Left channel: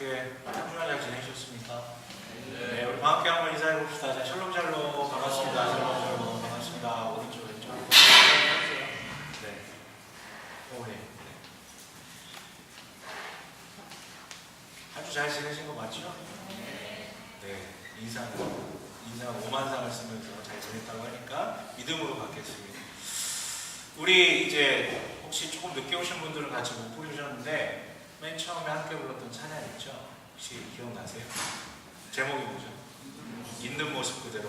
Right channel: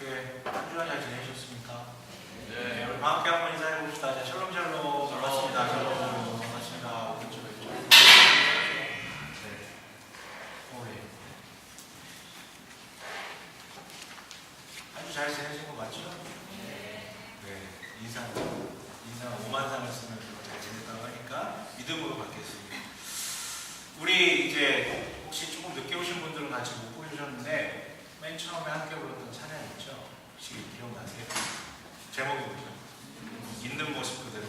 어떻게 한 주간 잘 지내셨습니까? 네, 우리 함께 한번 인사해 봅시다. 자, 샬롬 샬롬 반갑습니다. 샬롬 샬롬 반갑습니다. 오른쪽 왼쪽 네, 네. 아주 잘 지내신 거 맞죠? 네, 인사 5만상을 쓰면서 잘 지냈다고 하니까 믿음으로 받겠습니다. 우리 이제 혹시 조금 늦게 오신 분들은 같이 못 보셨는데 맨 처음에 함께 불렀던 찬양 있죠? 혹시 기억나세요? 제목이 뭐죠? 있는 모습 그대로.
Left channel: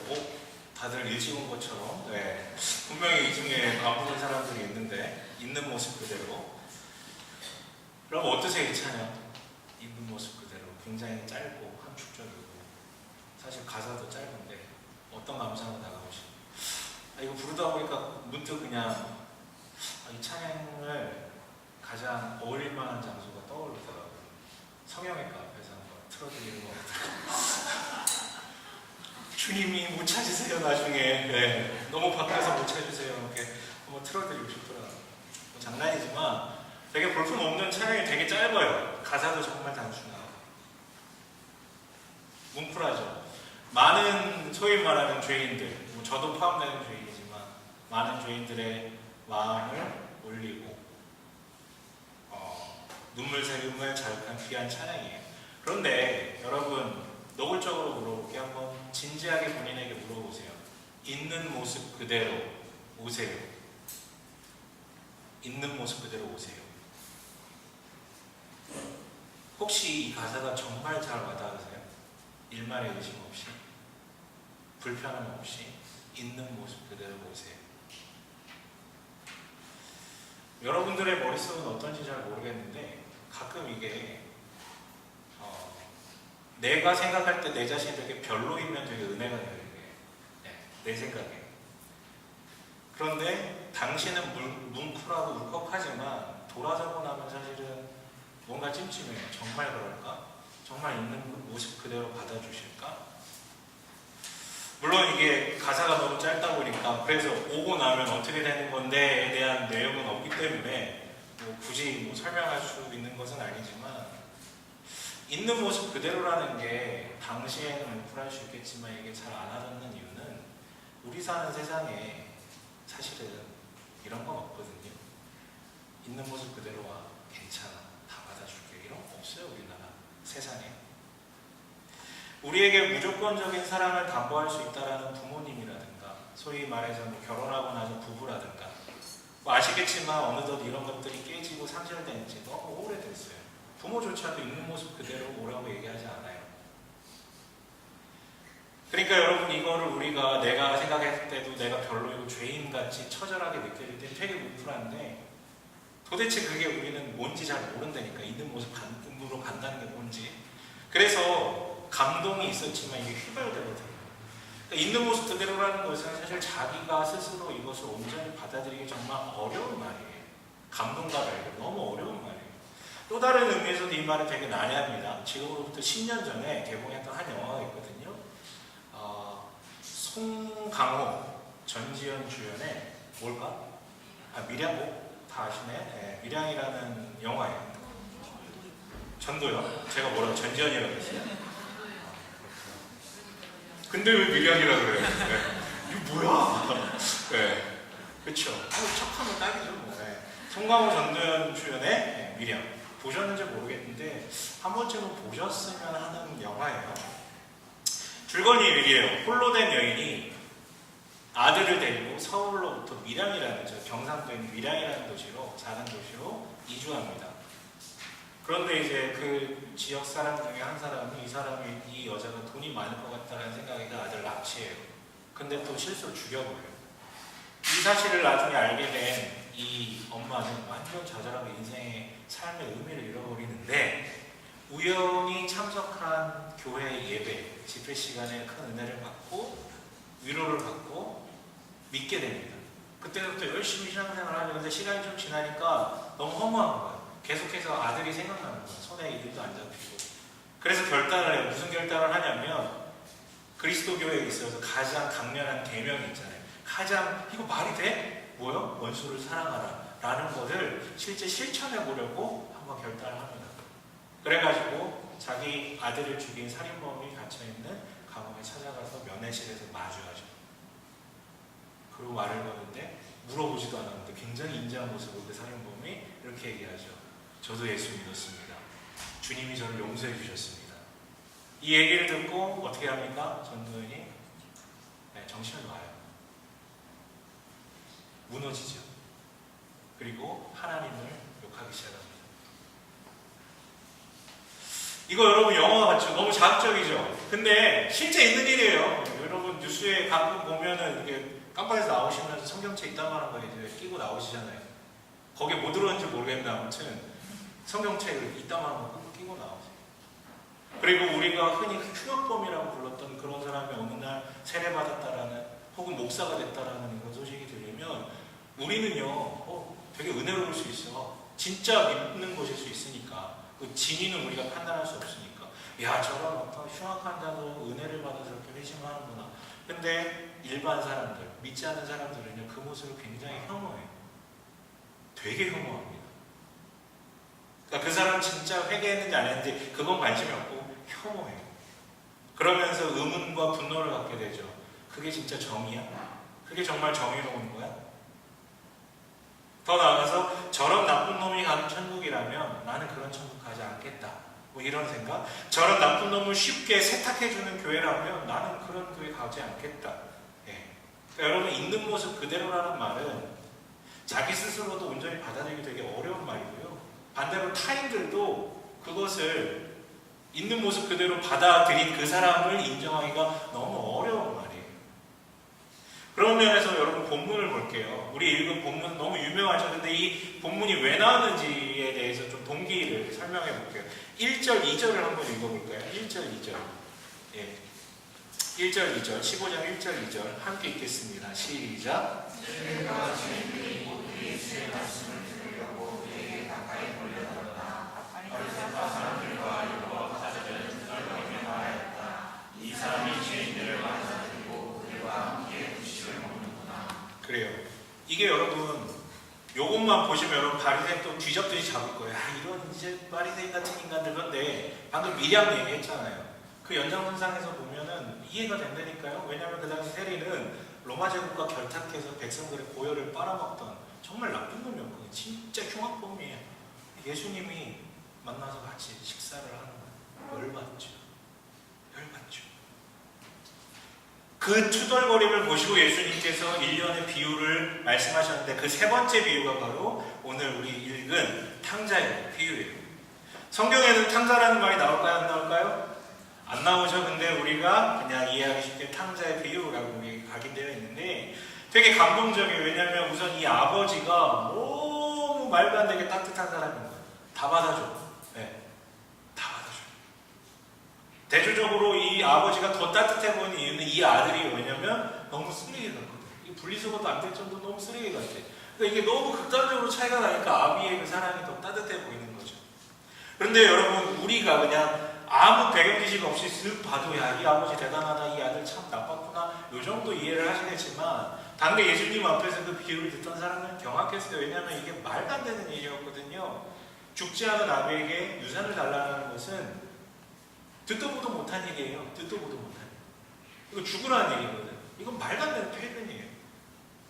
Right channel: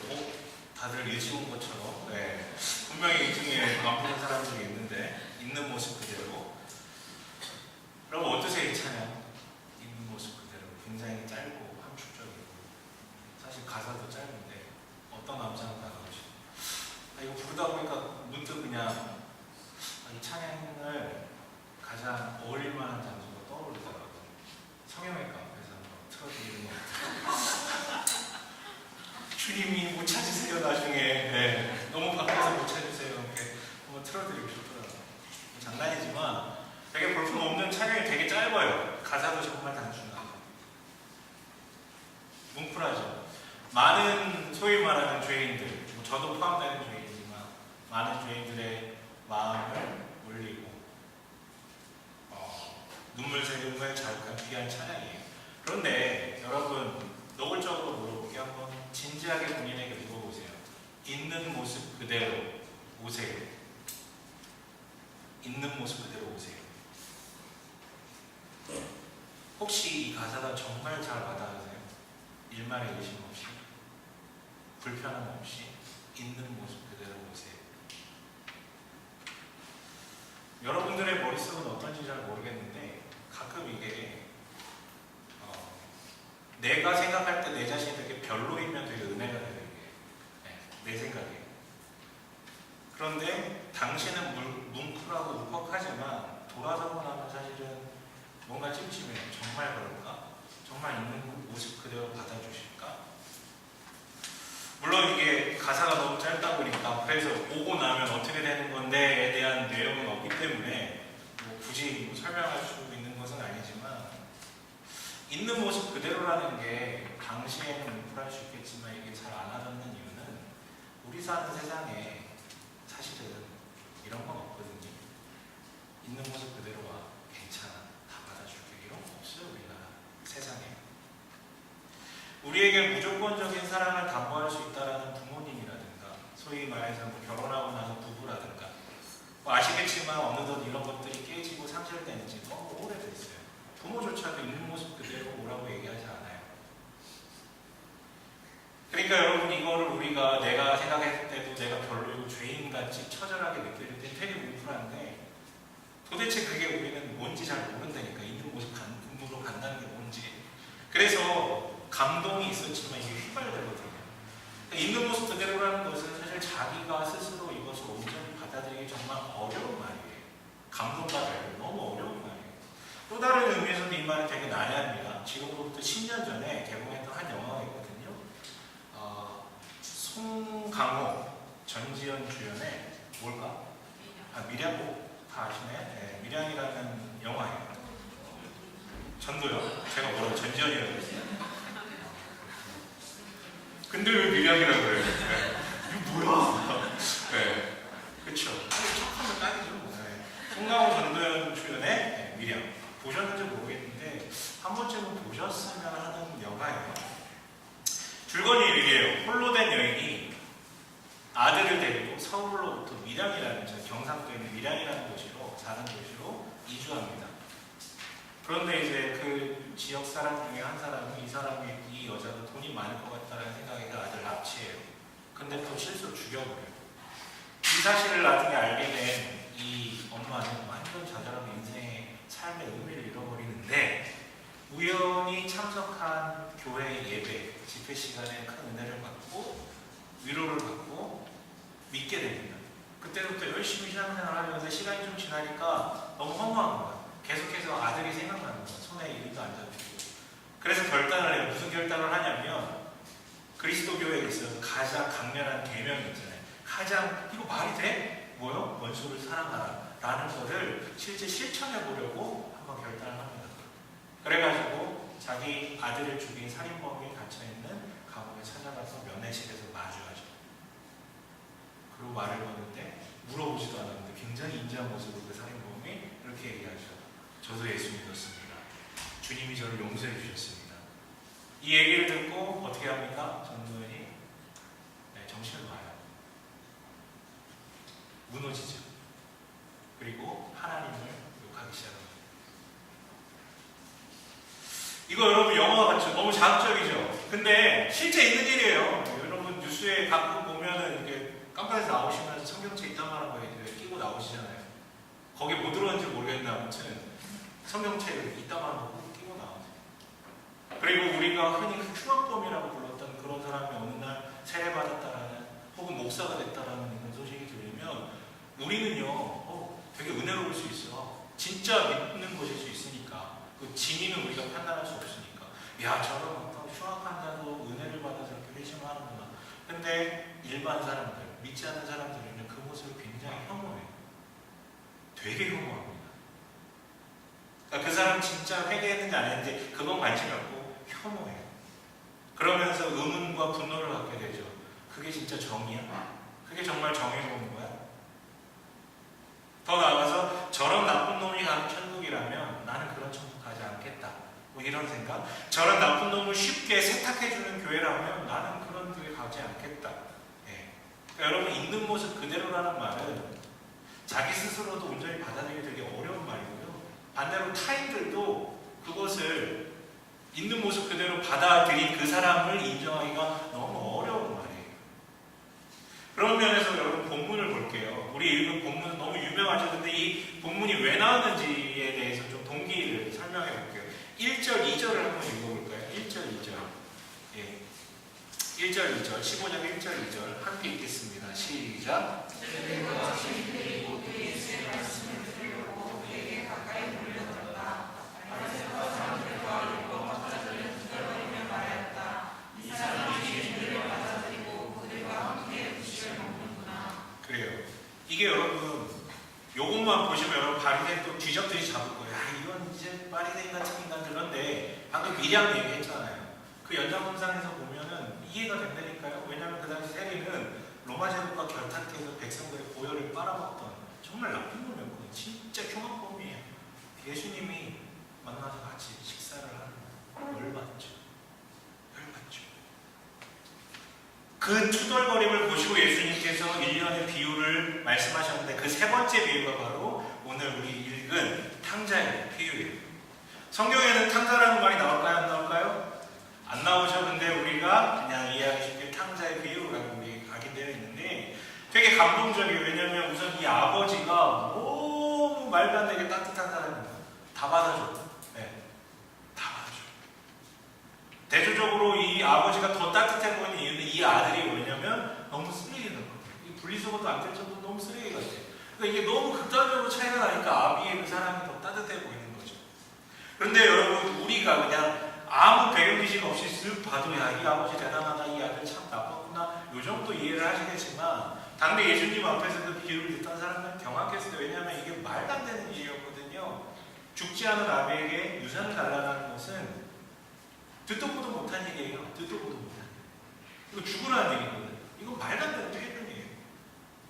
다들 일찍 온 것처럼. 네. 분명히 이 중에 안 부른 사람들이 있는데 있는 모습 그대로. 그럼 어떠세요 이 찬양? 있는 모습 그대로. 굉장히 짧고 함축적이고 사실 가사도 짧은데 어떤 감상을 나가보시죠? 이거 부르다 보니까 문득 그냥 이 찬양을 가장 어울릴 만한 장소가 떠오르더라고요. 성형외과 앞에서 한번 틀어드리는 것 같아요. 주님이 못 찾으세요 나중에. 네. 너무 바뀌어서 못 찾으세요. 이렇게 한번 틀어드리고 싶더라고요. 장난이지만 되게 볼품없는 찬양이 되게 짧아요. 가사도 정말 단순하고 뭉클하죠. 많은 소위 말하는 죄인들, 저도 포함되는 죄인이지만 많은 죄인들의 마음을 올리고 눈물 새김을 자극한 귀한 찬양이에요. 그런데 여러분 노골적으로 물어볼게요. 한번 진지하게 본인에게 물어보세요. 있는 모습 그대로 오세요. 있는 모습 그대로 오세요. 혹시 이 가사가 정말 잘 와닿으세요? 일말의 의심 없이, 불편함 없이 있는 모습 그대로 오세요. 여러분들의 머릿속은 어떤지 잘 모르겠는데 가끔 이게 내가 생각할 때 내 자신이 되게 별로이면 되게 은혜가 돼요. 이게. 네, 내 생각에. 그런데 당신은 뭉클하고 울컥하지만 돌아서고 나면 사실은 뭔가 찜찜해요. 정말 그럴까? 정말 있는 모습 그대로 받아주실까? 물론 이게 가사가 너무 짧다 보니까 그래서 오고 나면 어떻게 되는 건데에 대한 내용은 없기 때문에 굳이 설명할 수 있는 것은 아니지만 있는 모습 그대로라는 게 당시에는 뭉클할 수 있겠지만 이게 잘 안 와닿는 이유는 우리 사는 세상에 사실은 이런 건 없거든요. 있는 모습 그대로 와. 괜찮아. 다 받아줄게. 이런 거 없어요. 우리나라 세상에. 우리에게 무조건적인 사랑을 담보할 수 있다라는 부모님이라든가 소위 말해서 결혼하고 나서 부부라든가 아시겠지만 어느덧 이런 것들이 깨지고 상실된 지 너무 오래됐어요. 부모조차도 있는 모습 그대로 오라고 얘기하지 않아요. 그러니까 여러분 이거를 우리가 내가 생각했을 때도 내가 별로이고 죄인같이 처절하게 느껴질 때 되게 뭉클한데 도대체 그게 우리는 뭔지 잘 모른다니까. 있는 모습 으로 간다는 게 뭔지. 그래서 감동이 있었지만 이게 휘발되거든요. 그러니까 있는 모습 그대로라는 것은 사실 자기가 스스로 이것을 온전히 받아들이기 정말 어려운 말이에요. 감동과 달리 너무 어려운 말이에요. 또 다른 의미에서도 이 말은 되게 난해합니다. 지금부터 10년 전에 개봉했던 한 영화가 있거든요. 송강호, 전지현 주연의 뭘까? 밀양곡 다 아시네? 네, 밀양이라는 영화예요. 전도요? 제가 뭐라고 전지현이라고 했어요? 근데 왜 밀양이라고 그래요? 네. 이거 뭐야? 네, 그쵸. 척하면 딱이죠. 네. 송강호, 전도연 주연의 밀양. 보셨는지 모르겠는데 한 번쯤은 보셨으면 하는 영화예요. 줄거리 얘기예요. 홀로 된 여인이 아들을 데리고 서울로부터 밀양이라는 경상도에 있는 밀양이라는 도시로 작은 도시로 이주합니다. 그런데 이제 그 지역 사람 중에 한 사람이 이 여자가 돈이 많을 것 같다는 생각에 아들을 납치해요. 근데 또 실수로 죽여버려요. 이 사실을 나중에 알게 된 이 엄마는 완전 좌절하고 인생의 삶의 의미를 잃어버리는데 우연히 참석한 교회 예배, 집회 시간에 큰 은혜를 받고 위로를 받고 믿게 됩니다. 그때부터 열심히 신앙생활을 하려는데 시간이 좀 지나니까 너무 허무한 거야. 계속해서 아들이 생각나는 거야. 손에 이름도 안 잡히고. 그래서 결단을 해요. 무슨 결단을 하냐면 그리스도교회에 있어서 가장 강렬한 계명이 있잖아요. 이거 말이 돼? 뭐요? 원수를 사랑하라 라는 거를 실제 실천해 보려고 한번 결단을 합니다. 그래가지고 자기 아들을 죽인 살인범이 갇혀있는 감옥에 찾아가서 면회실에서 마주하죠. 그리고 말을 거는데 물어보지도 않았는데 굉장히 인자한 모습으로 그 살인범이 이렇게 얘기하죠. 저도 예수 믿었습니다. 주님이 저를 용서해 주셨습니다. 이 얘기를 듣고 어떻게 합니까? 전도연이 정신을 봐요. 무너지죠. 그리고 하나님을 욕하기 시작합니다. 이거 여러분 영화 같죠? 너무 자극적이죠? 근데 실제 있는 일이에요. 여러분 뉴스에 가끔 보면은 이게 깜빡해서 나오시면서 성경책 이따만한 거에 이제 끼고 나오시잖아요. 거기에 뭐 들었는지 모르겠는데 아무튼 성경책을 이따만한 거 꼭 끼고 나오세요. 그리고 우리가 흔히 흉악범이라고 불렀던 그런 사람이 어느 날 세례받았다라는 혹은 목사가 됐다라는 이런 소식이 들리면 우리는요 되게 은혜로울 수 있어. 진짜 믿는 것일 수 있으니까. 그 진위는 우리가 판단할 수 없으니까. 야, 저런 어떤 흉악한 자도 은혜를 받아서 이렇게 회심하는구나. 근데 일반 사람들, 믿지 않는 사람들은요 그 모습을 굉장히 혐오해요. 되게 혐오합니다. 그러니까 그 사람 진짜 회개했는지 안 했는지 그건 관심이 없고 혐오해요. 그러면서 의문과 분노를 갖게 되죠. 그게 진짜 정의야? 그게 정말 정의로운 거야? 더 나아가서 저런 나쁜 놈이 가는 천국이라면 나는 그런 천국 가지 않겠다. 뭐 이런 생각? 저런 나쁜 놈을 쉽게 세탁해주는 교회라면 나는 그런 교회 가지 않겠다. 그러니까 여러분 있는 모습 그대로라는 말은 자기 스스로도 온전히 받아들이기 되게 어려운 말이고요. 반대로 타인들도 그것을 있는 모습 그대로 받아들인 그 사람을 인정하기가 너무 어려운 말이에요. 그런 면에서 여러분 본문을 볼게요. 우리 읽은 본문 너무 유명하죠. 근데 이 본문이 왜 나왔는지에 대해서 좀 동기를 설명해 볼게요. 1절, 2절을 한번 읽어볼까요? 1절, 2절. 예. 1절, 2절, 15장 1절, 2절 함께 읽겠습니다. 시작. 그래요. 이게 여러분 요것만 보시면 여러분 바리새인 또 뒤적뒤적 잡을 거예요. 이건 이제 바리새인 같은 인간들. 그런데 방금 미량 얘기했잖아요. 그 연장선상에서 보면은 이해가 된다니까요. 왜냐하면 그 당시 세리는 로마 제국과 결탁해서 백성들의 고열을 빨아먹던 정말 나쁜 놈이었거든요. 진짜 흉악범이에요. 예수님이 만나서 같이 식사를 하는 거예요. 열받죠. 그 투덜거림을 보시고 예수님께서 일련의 비유를 말씀하셨는데 그 세 번째 비유가 바로 오늘 우리 읽은 탕자의 비유예요. 성경에는 탕자라는 말이 나올까요? 안 나올까요? 안 나오죠. 근데 우리가 그냥 이해하기 쉽게 탕자의 비유라고 우리 각인되어 있는데 되게 감동적이에요. 왜냐하면 우선 이 아버지가 너무 말도 안 되게 따뜻한 사람인 거예요. 다 받아줘. 대조적으로 이 아버지가 더 따뜻해 보이는 이유는 이 아들이 뭐냐면 너무 쓰레기 같거든요. 분리수거도 안 될 정도로 너무 쓰레기 같아. 그러니까 이게 너무 극단적으로 차이가 나니까 아비의 그 사랑이 더 따뜻해 보이는 거죠. 그런데 여러분 우리가 그냥 아무 배경 지식 없이 쓱 봐도 야, 이 아버지 대단하다, 이 아들 참 나빴구나, 요 정도 이해를 하시겠지만 당대 예수님 앞에서 그 비유를 듣던 사람은 경악했어요. 왜냐하면 이게 말도 안 되는 일이었거든요. 죽지 않은 아비에게 유산을 달라는 것은 듣도 보도 못한 얘기예요. 듣도 보도 못한 얘기. 이거 죽으라는 얘기거든. 이건 말도 안 되는 폐륜이에요.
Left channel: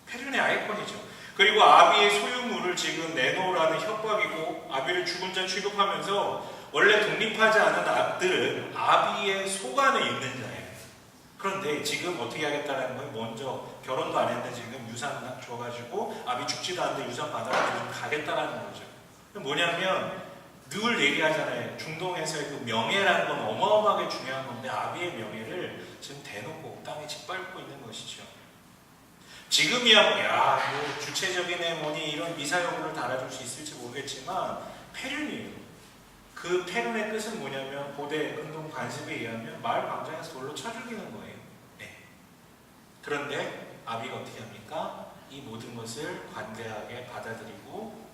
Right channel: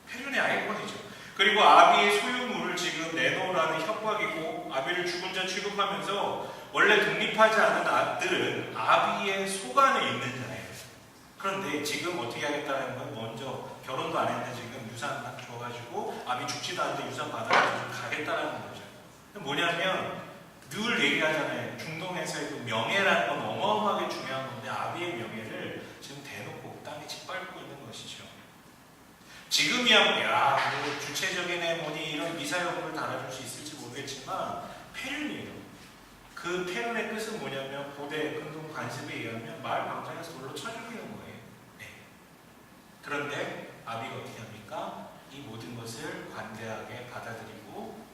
폐륜의 아이콘이죠. 그리고 아비의 소유물을 지금 내놓으라는 협박이고 아비를 죽은 자 취급하면서 원래 독립하지 않은 아들은 아비의 소관에 있는 자예요. 그런데 지금 어떻게 하겠다는 거예요? 먼저 결혼도 안 했는데 지금 유산 줘가지고 아비 죽지도 않는데 유산 받아가지고 가겠다라는 거죠. 뭐냐면 늘 얘기하잖아요. 중동에서의 그 명예라는 건 어마어마하게 중요한 건데 아비의 명예를 지금 대놓고 땅에 짓밟고 있는 것이죠. 지금이야 뭐 주체적인 애 뭐니 이런 미사여구를 달아줄 수 있을지 모르겠지만 폐륜이에요. 그 폐륜의 뜻은 뭐냐면 고대 근동 관습에 의하면 마을 광장에서 돌로 쳐 죽이는 거예요. 그런데 아비가 어떻게 합니까? 이 모든 것을 관대하게 받아들이고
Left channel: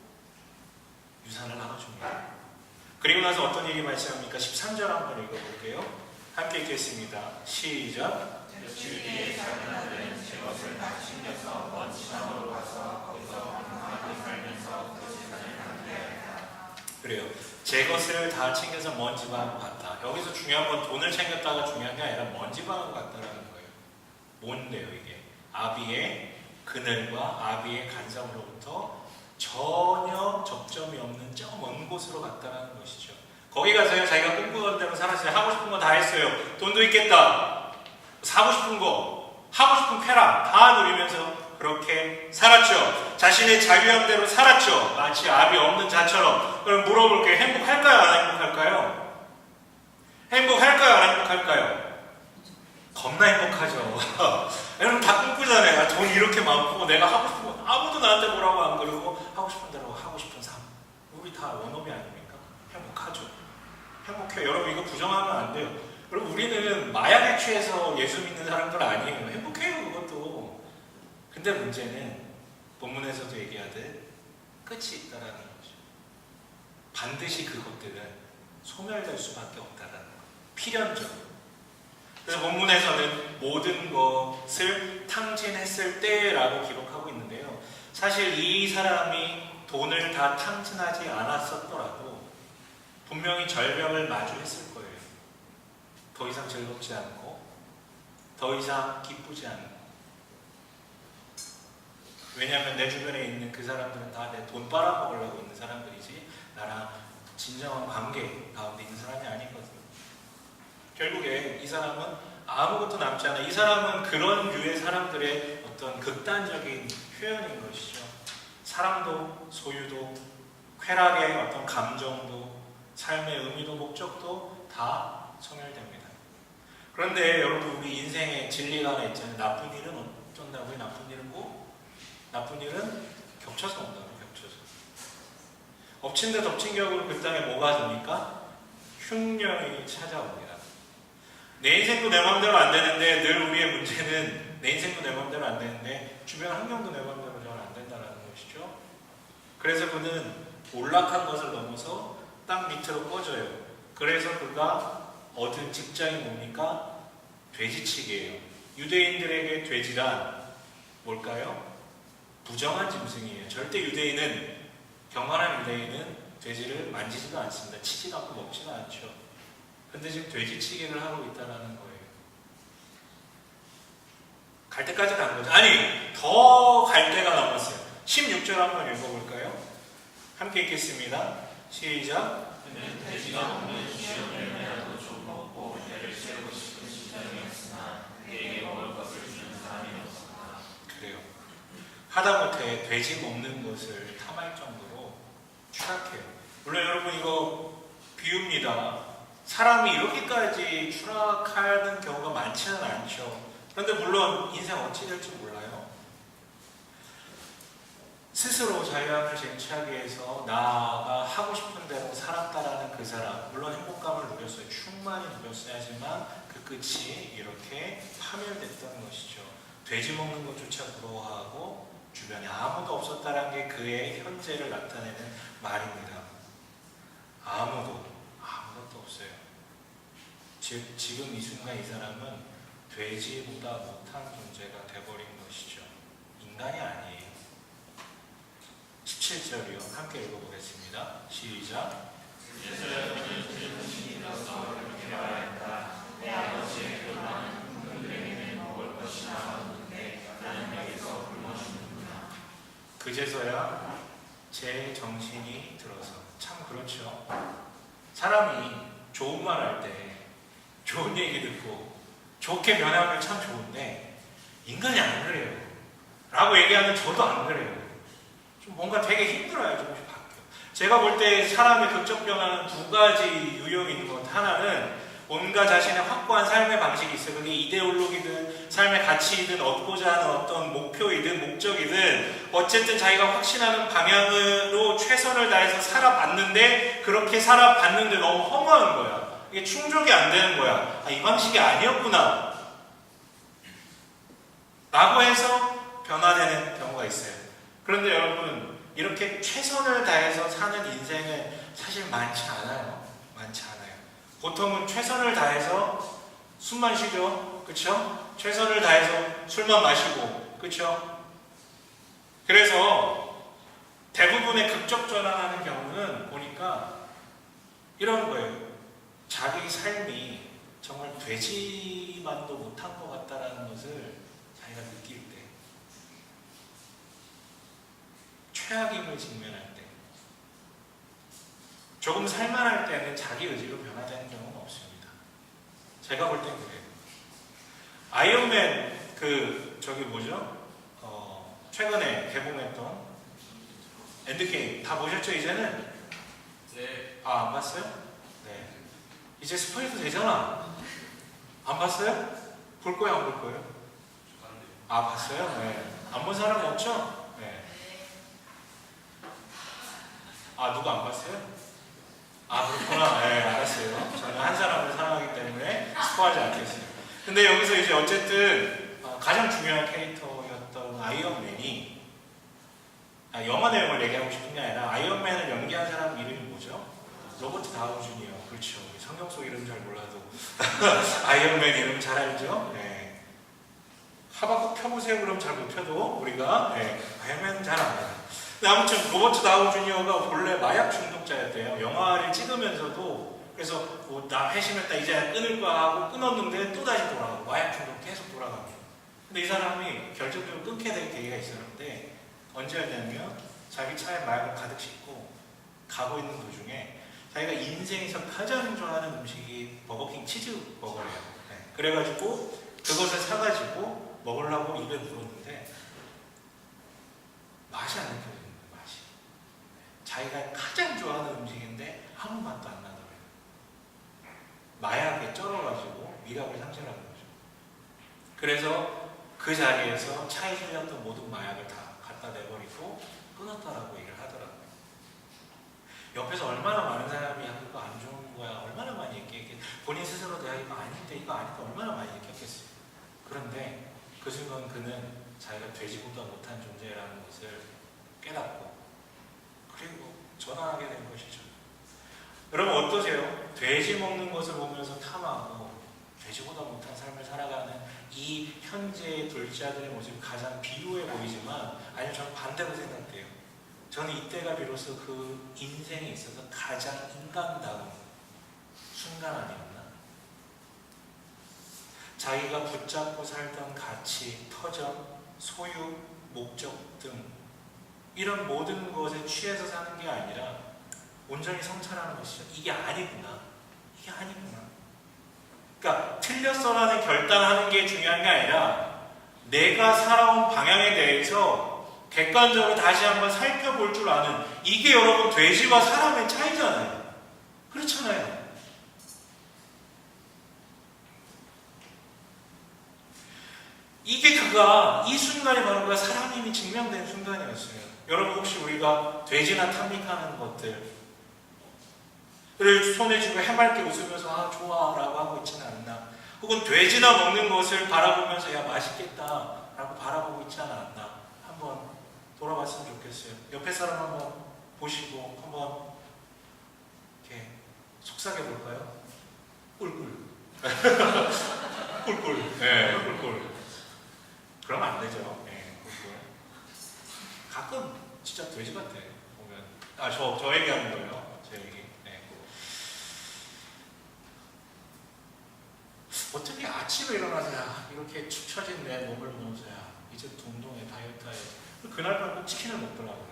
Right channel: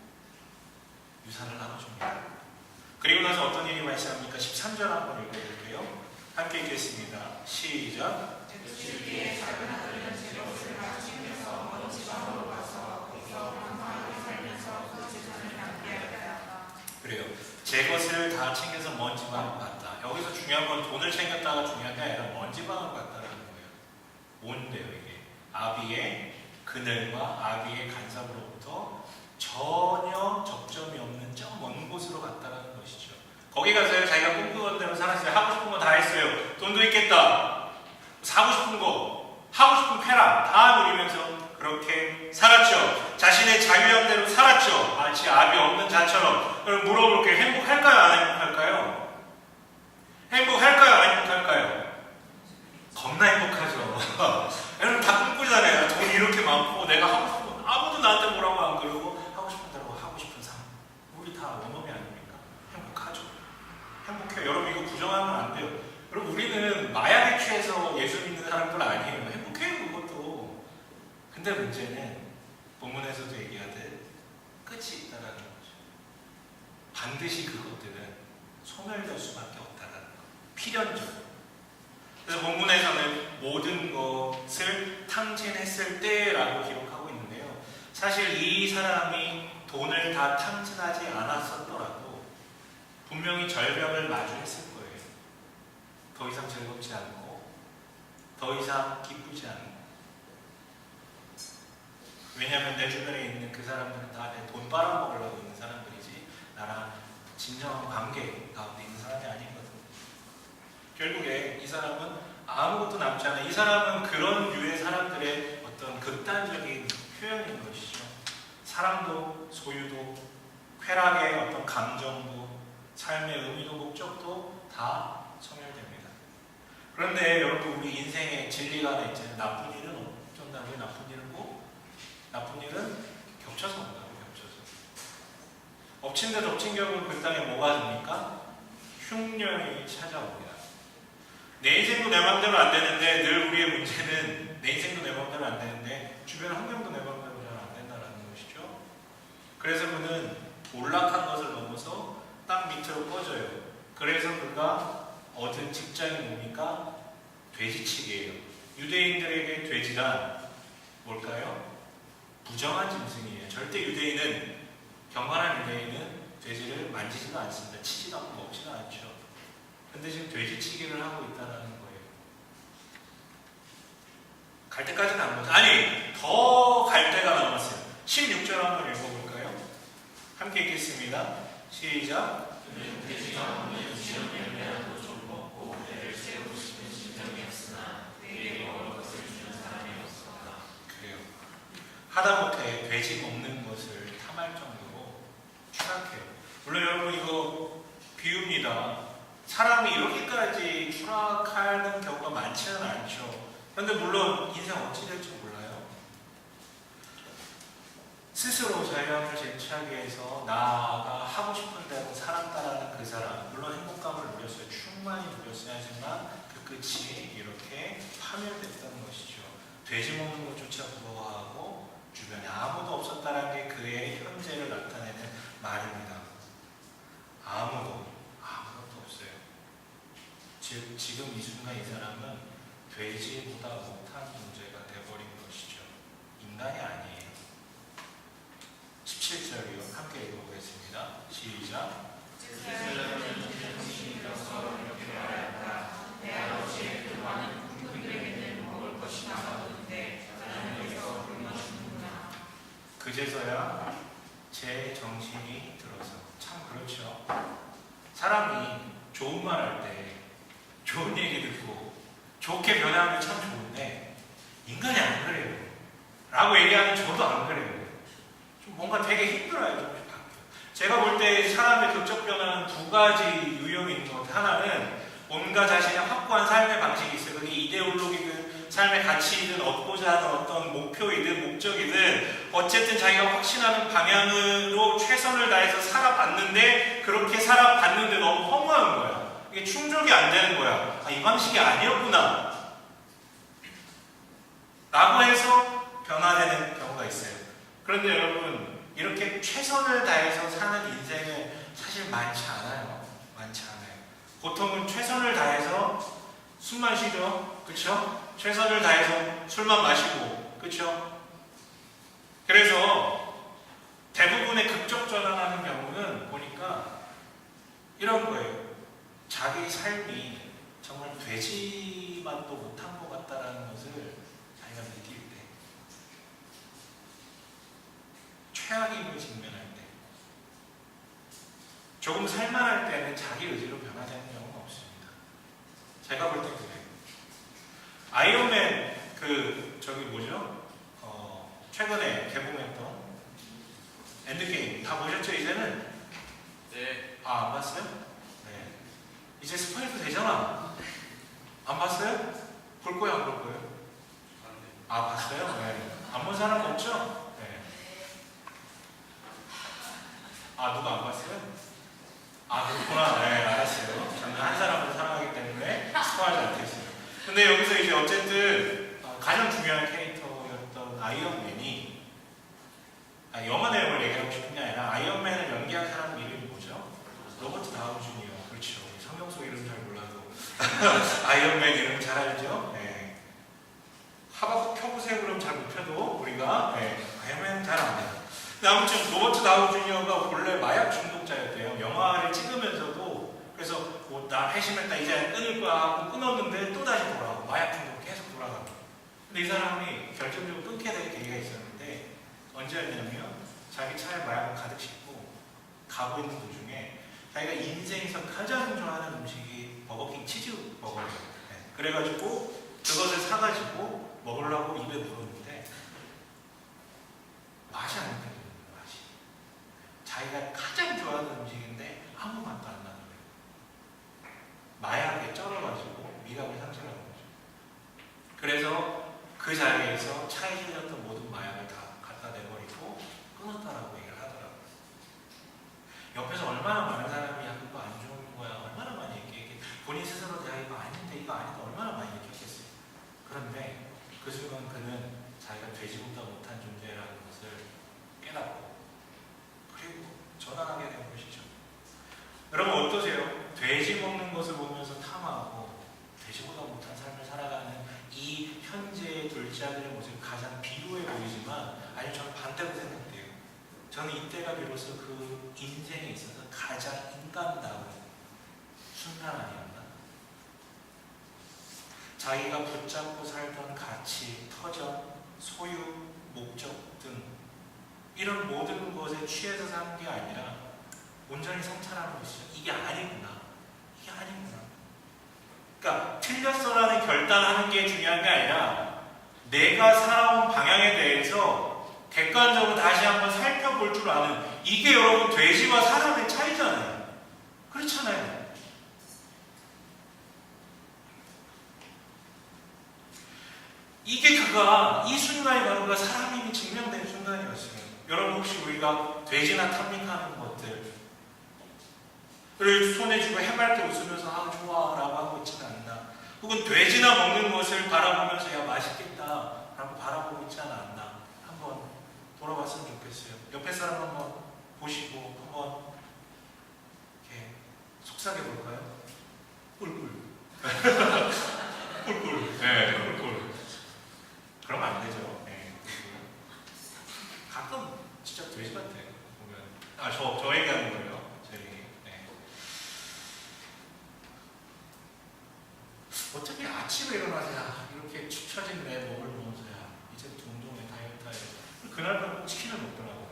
유산을 나눠줍니다. 그리고 나서 어떤 일이 발생합니까? 13절 한번 읽어볼게요. 함께 읽겠습니다. 시작. 주위의 작은 아들은 제 것을 다 챙겨서 먼 지방으로 가서 거기서 평안하게 살면서 그 재산을 남겨야 한다. 그래요. 제 것을 다 챙겨서 먼 지방으로 갔다. 여기서 중요한 건 돈을 챙겼다가 중요한 게 아니라 먼지방울 같다라는 거예요. 뭔데요 이게? 아비의 그늘과 아비의 간섭으로부터 전혀 접점이 없는 저 먼 곳으로 갔다라는 것이죠. 거기 가서요 자기가 꿈꾸던 대로 살았어요. 하고 싶은 거 다 했어요. 돈도 있겠다. 사고 싶은 거, 하고 싶은 쾌락 다 누리면서 그렇게 살았죠. 자신의 자유함대로 살았죠. 마치 아비 없는 자처럼. 그럼 물어볼게요. 행복할까요? 안 행복할까요? 행복할까요? 안 행복할까요? 겁나 행복하죠. 여러분 다 꿈꾸잖아요. 돈 이렇게 많고 내가 하고 싶은 거 아무도 나한테 뭐라고 안 그러고 하고 싶은 대로 하고 싶은 삶. 우리 다 원업이 아닙니까? 행복하죠. 행복해요. 여러분 이거 부정하면 안 돼요. 여러분 우리는 마약에 취해서 예수 믿는 사람들 아니에요. 행복해요 그것도. 근데 문제는 본문에서도 얘기하듯 끝이 있다라는 거죠. 반드시 그것들은 소멸될 수밖에 없다라는 거예요. 필연적으로. 그래서 본문에서는 모든 것을 탕진했을 때라고 기록하고 있는데요. 사실 이 사람이 돈을 다 탕진하지 않았었더라도 분명히 절벽을 마주했을 거예요. 더 이상 즐겁지 않고 더 이상 기쁘지 않고. 왜냐하면 내 주변에 있는 그 사람들은 다 내 돈 빨아먹으려고 있는 사람들이지 나랑 진정한 관계 가운데 있는 사람이 아니거든. 결국에 이 사람은 아무것도 남지 않아. 이 사람은 그런 류의 사람들의 어떤 극단적인 표현인 것이죠. 사랑도 소유도 쾌락의 어떤 감정도 삶의 의미도 목적도 다 소멸됩니다. 그런데 여러분 우리 인생에 진리가 하나 있잖아요. 나쁜 일은 어쩐다고요? 나쁜 일은 뭐? 나쁜 일은 겹쳐서 온다고. 겹쳐서. 엎친 데 덮친 격으로 그 땅에 뭐가 됩니까? 흉년이 찾아옵니다. 내 인생도 내 마음대로 안 되는데 늘 우리의 문제는 내 인생도 내 마음대로 안 되는데 주변 환경도 내 마음대로 잘 안 된다는 것이죠. 그래서 그는 몰락한 것을 넘어서 땅 밑으로 꺼져요. 그래서 그가 얻은 직장이 뭡니까? 돼지치기예요. 유대인들에게 돼지란 뭘까요? 부정한 짐승이에요. 절대 유대인은 경건한 유대인은 돼지를 만지지도 않습니다. 치지도 않고 먹지도 않죠. 근데 지금 돼지치기를 하고 있다는 거예요. 갈 때까지 간 거죠. 아니, 더 갈 때가 남았어요. 16절 한번 읽어볼까요? 함께 읽겠습니다. 시작. 돼지가 먹는 지역 열매라도 좀 먹고 배를 채우고 싶은 심정이었으나 그에게 먹을 것을 주는 사람이 없었다. 그래요. 하다못해 돼지 먹는 것을 탐할 정도로 추락해요. 물론 여러분 이거 비유입니다. 사람이 이렇게까지 추락하는 경우가 많지는 않죠. 그런데 물론 인생 어찌 될지 몰라요. 스스로 자유함을 쟁취하기 위해서 나가 하고 싶은 대로 살았다라는 그 사람, 물론 행복감을 누렸어요. 충만히 누렸어야 하지만 그 끝이 이렇게 파멸됐던 것이죠. 돼지 먹는 것조차 부러워하고 주변에 아무도 없었다는 게 그의 현재를 나타내는 말입니다. 아무것도 없어요. 즉 지금 이 순간 이 사람은 돼지보다 못한 존재가 되어버린 것이죠. 인간이 아니에요. 17절이요. 함께 읽어보겠습니다. 시작. 그제서야 제 정신이 들어서. 참 그렇죠. 사람이 좋은 말 할 때 좋은 얘기 듣고 좋게 변하면 참 좋은데 인간이 안 그래요. 라고 얘기하면 저도 안 그래요. 좀 뭔가 되게 힘들어요. 좀 바뀌어. 제가 볼 때 사람의 극적 변화는 두 가지 유형이 있는 것. 하나는 뭔가 자신의 확고한 삶의 방식이 있어요. 그게 이데올로기든 삶의 가치이든 얻고자 하는 어떤 목표이든 목적이든 어쨌든 자기가 확신하는 방향으로 최선을 다해서 살아봤는데 그렇게 살아봤는데 너무 허무한 거야. 이게 충족이 안 되는 거야. 아, 이 방식이 아니었구나 라고 해서 변화되는 경우가 있어요. 그런데 여러분 이렇게 최선을 다해서 사는 인생은 사실 많지 않아요. 많지 않아요. 보통은 최선을 다해서 숨만 쉬죠. 그쵸? 최선을 다해서 술만 마시고 그쵸? 그래서 대부분의 극적 전환하는 경우는 보니까 이런 거예요. 자기 삶이 정말 되지만도 못한 것 같다라는 것을 자기가 느낄 때, 최악임을 직면할 때, 조금 살만할 때는 자기 의지로 변화되는 경우가 없습니다. 제가 볼 땐 그래요. 아이언맨 저기 뭐죠? 최근에 개봉했던 엔드게임 다 보셨죠 이제는? 네. 안 봤어요? 네. 이제 스포일도 되잖아. 안 봤어요? 볼 거예요, 안 볼 거예요? 봤어요? 네. 안 본 사람 없죠? 네. 누가 안 봤어요? 그렇구나. 네, 알았어요. 저는 한 사람을 사랑하기 때문에 스포하지 않겠어요. 근데 여기서 이제 어쨌든 가장 중요한 캐릭터였던 아이언맨이 영화 내용을 얘기하고 싶은 게 아니라 아이언맨을 연기한 사람 이름이 뭐죠? 로버트 다우니 주니어. 그렇죠. 성경 속 이름 잘 몰라도 아이언맨 이름 잘 알죠? 네. 하바국 펴보세요 그럼 잘 못 펴도 우리가 아이언맨 잘 알아요. 근데 아무튼 로버트 다우니 주니어가 본래 마약 중독자였대요. 영화를 찍으면서도 그래서 나 회심했다 이제 끊을 거야 하고 끊었는데 또 다시 돌아가고 마약 중독 계속 돌아가고. 근데 이 사람이 결정적으로 끊게 될 계기가 있었는데 언제였냐면 자기 차에 마약을 가득 싣고 가고 있는 도중에 자기가 인생에서 가장 좋아하는 음식이 버거킹 치즈버거예요. 네. 그래가지고 그것을 사가지고 먹으려고 입에 물었는데 맛이 안 느껴져요. 맛이. 자기가 가장 좋아하는 음식인데 아무 맛도 안 나더래요. 마약에 쩔어가지고 미각을 상실하는 거죠. 그래서 그 자리에서 차에 실렸던 모든 마약을 다 갖다 내버리고 끊었다라고 얘기를 하더라고요. 옆에서 얼마나 많은 사람이 야 그거 안 좋은 거야 얼마나 많이 얘기했겠 본인 스스로 내가 이거 아닌데 이거 아닌데 얼마나 많이 얘기했겠어요. 그런데 그 순간 그는 자기가 되지보다 못한 존재라는 것을 깨닫고 그리고 전환하게 된 것이죠. 여러분 어떠세요? 돼지 먹는 것을 보면서 탐하고 돼지보다 못한 삶을 살아가는 이 현재의 둘째아들의 모습이 가장 비루해 보이지만 아니면 저는 반대로 생각돼요. 저는 이때가 비로소 그 인생에 있어서 가장 인간다운 순간 아니었나? 자기가 붙잡고 살던 가치, 터전, 소유, 목적 등 이런 모든 것에 취해서 사는 게 아니라 온전히 성찰하는 것이죠. 이게 아니구나. 이게 아니구나. 그러니까 틀렸어라는 결단하는 게 중요한 게 아니라 내가 살아온 방향에 대해서 객관적으로 다시 한번 살펴볼 줄 아는 이게 여러분 돼지와 사람의 차이잖아요. 그렇잖아요. 이게 이 순간이 바로 그가 사람임이 증명된 순간이었어요. 여러분 혹시 우리가 돼지나 탐닉하는 것들 를 손에 쥐고 해맑게 웃으면서 좋아 라고 하고 있지는 않나? 혹은 돼지나 먹는 것을 바라보면서 야 맛있겠다 라고 바라보고 있지 않았나? 한번 돌아봤으면 좋겠어요. 옆에 사람 한번 보시고 한번 이렇게 속삭여 볼까요? 꿀꿀 꿀꿀 네 꿀꿀 그러면 안 되죠. 네, 꿀꿀 가끔 진짜 돼지 같아 보면 저 얘기하는 거예요. 제 얘기. 어떻게 아침에 일어나서 이렇게 축 처진 내 몸을 보면서 이제 운동해 다이어트 해야지. 그날 밤 치킨을 먹더라고.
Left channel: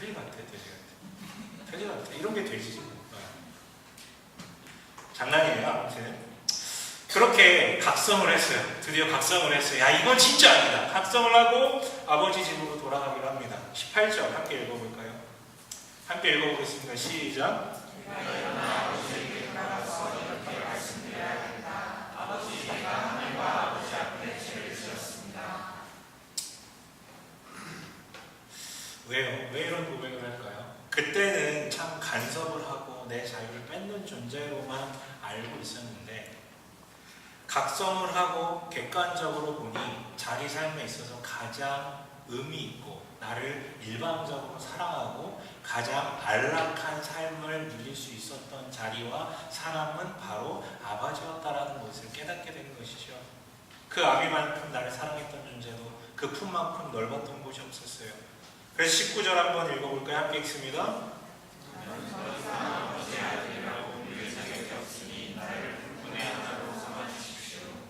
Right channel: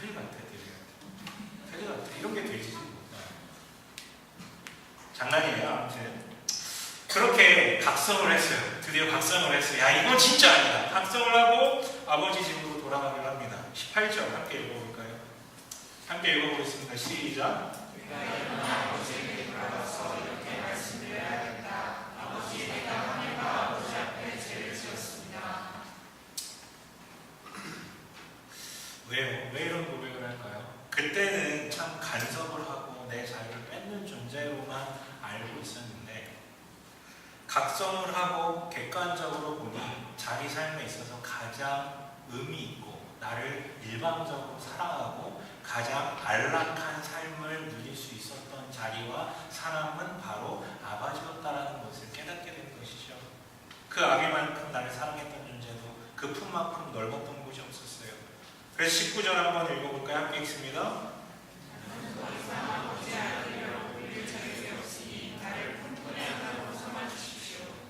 돼지 같아. 이런 게 돼지지. 장난이에요. 아무튼 그렇게 각성을 했어요. 드디어 각성을 했어요. 야 이건 진짜 아니다. 각성을 하고 아버지 집으로 돌아가기로 합니다. 18절 함께 읽어볼까요? 함께 읽어보겠습니다. 시작. 왜요? 왜 이런 고백을 할까요? 그때는 참 간섭을 하고 내 자유를 뺏는 존재로만 알고 있었는데 각성을 하고 객관적으로 보니 자기 삶에 있어서 가장 의미 있고 나를 일방적으로 사랑하고 가장 안락한 삶을 누릴 수 있었던 자리와 사람은 바로 아버지였다라는 것을 깨닫게 된 것이죠. 그 아비만큼 나를 사랑했던 존재도 그 품만큼 넓었던 곳이 없었어요. 그래서 19절 한번 읽어볼까요? 함께 읽습니다.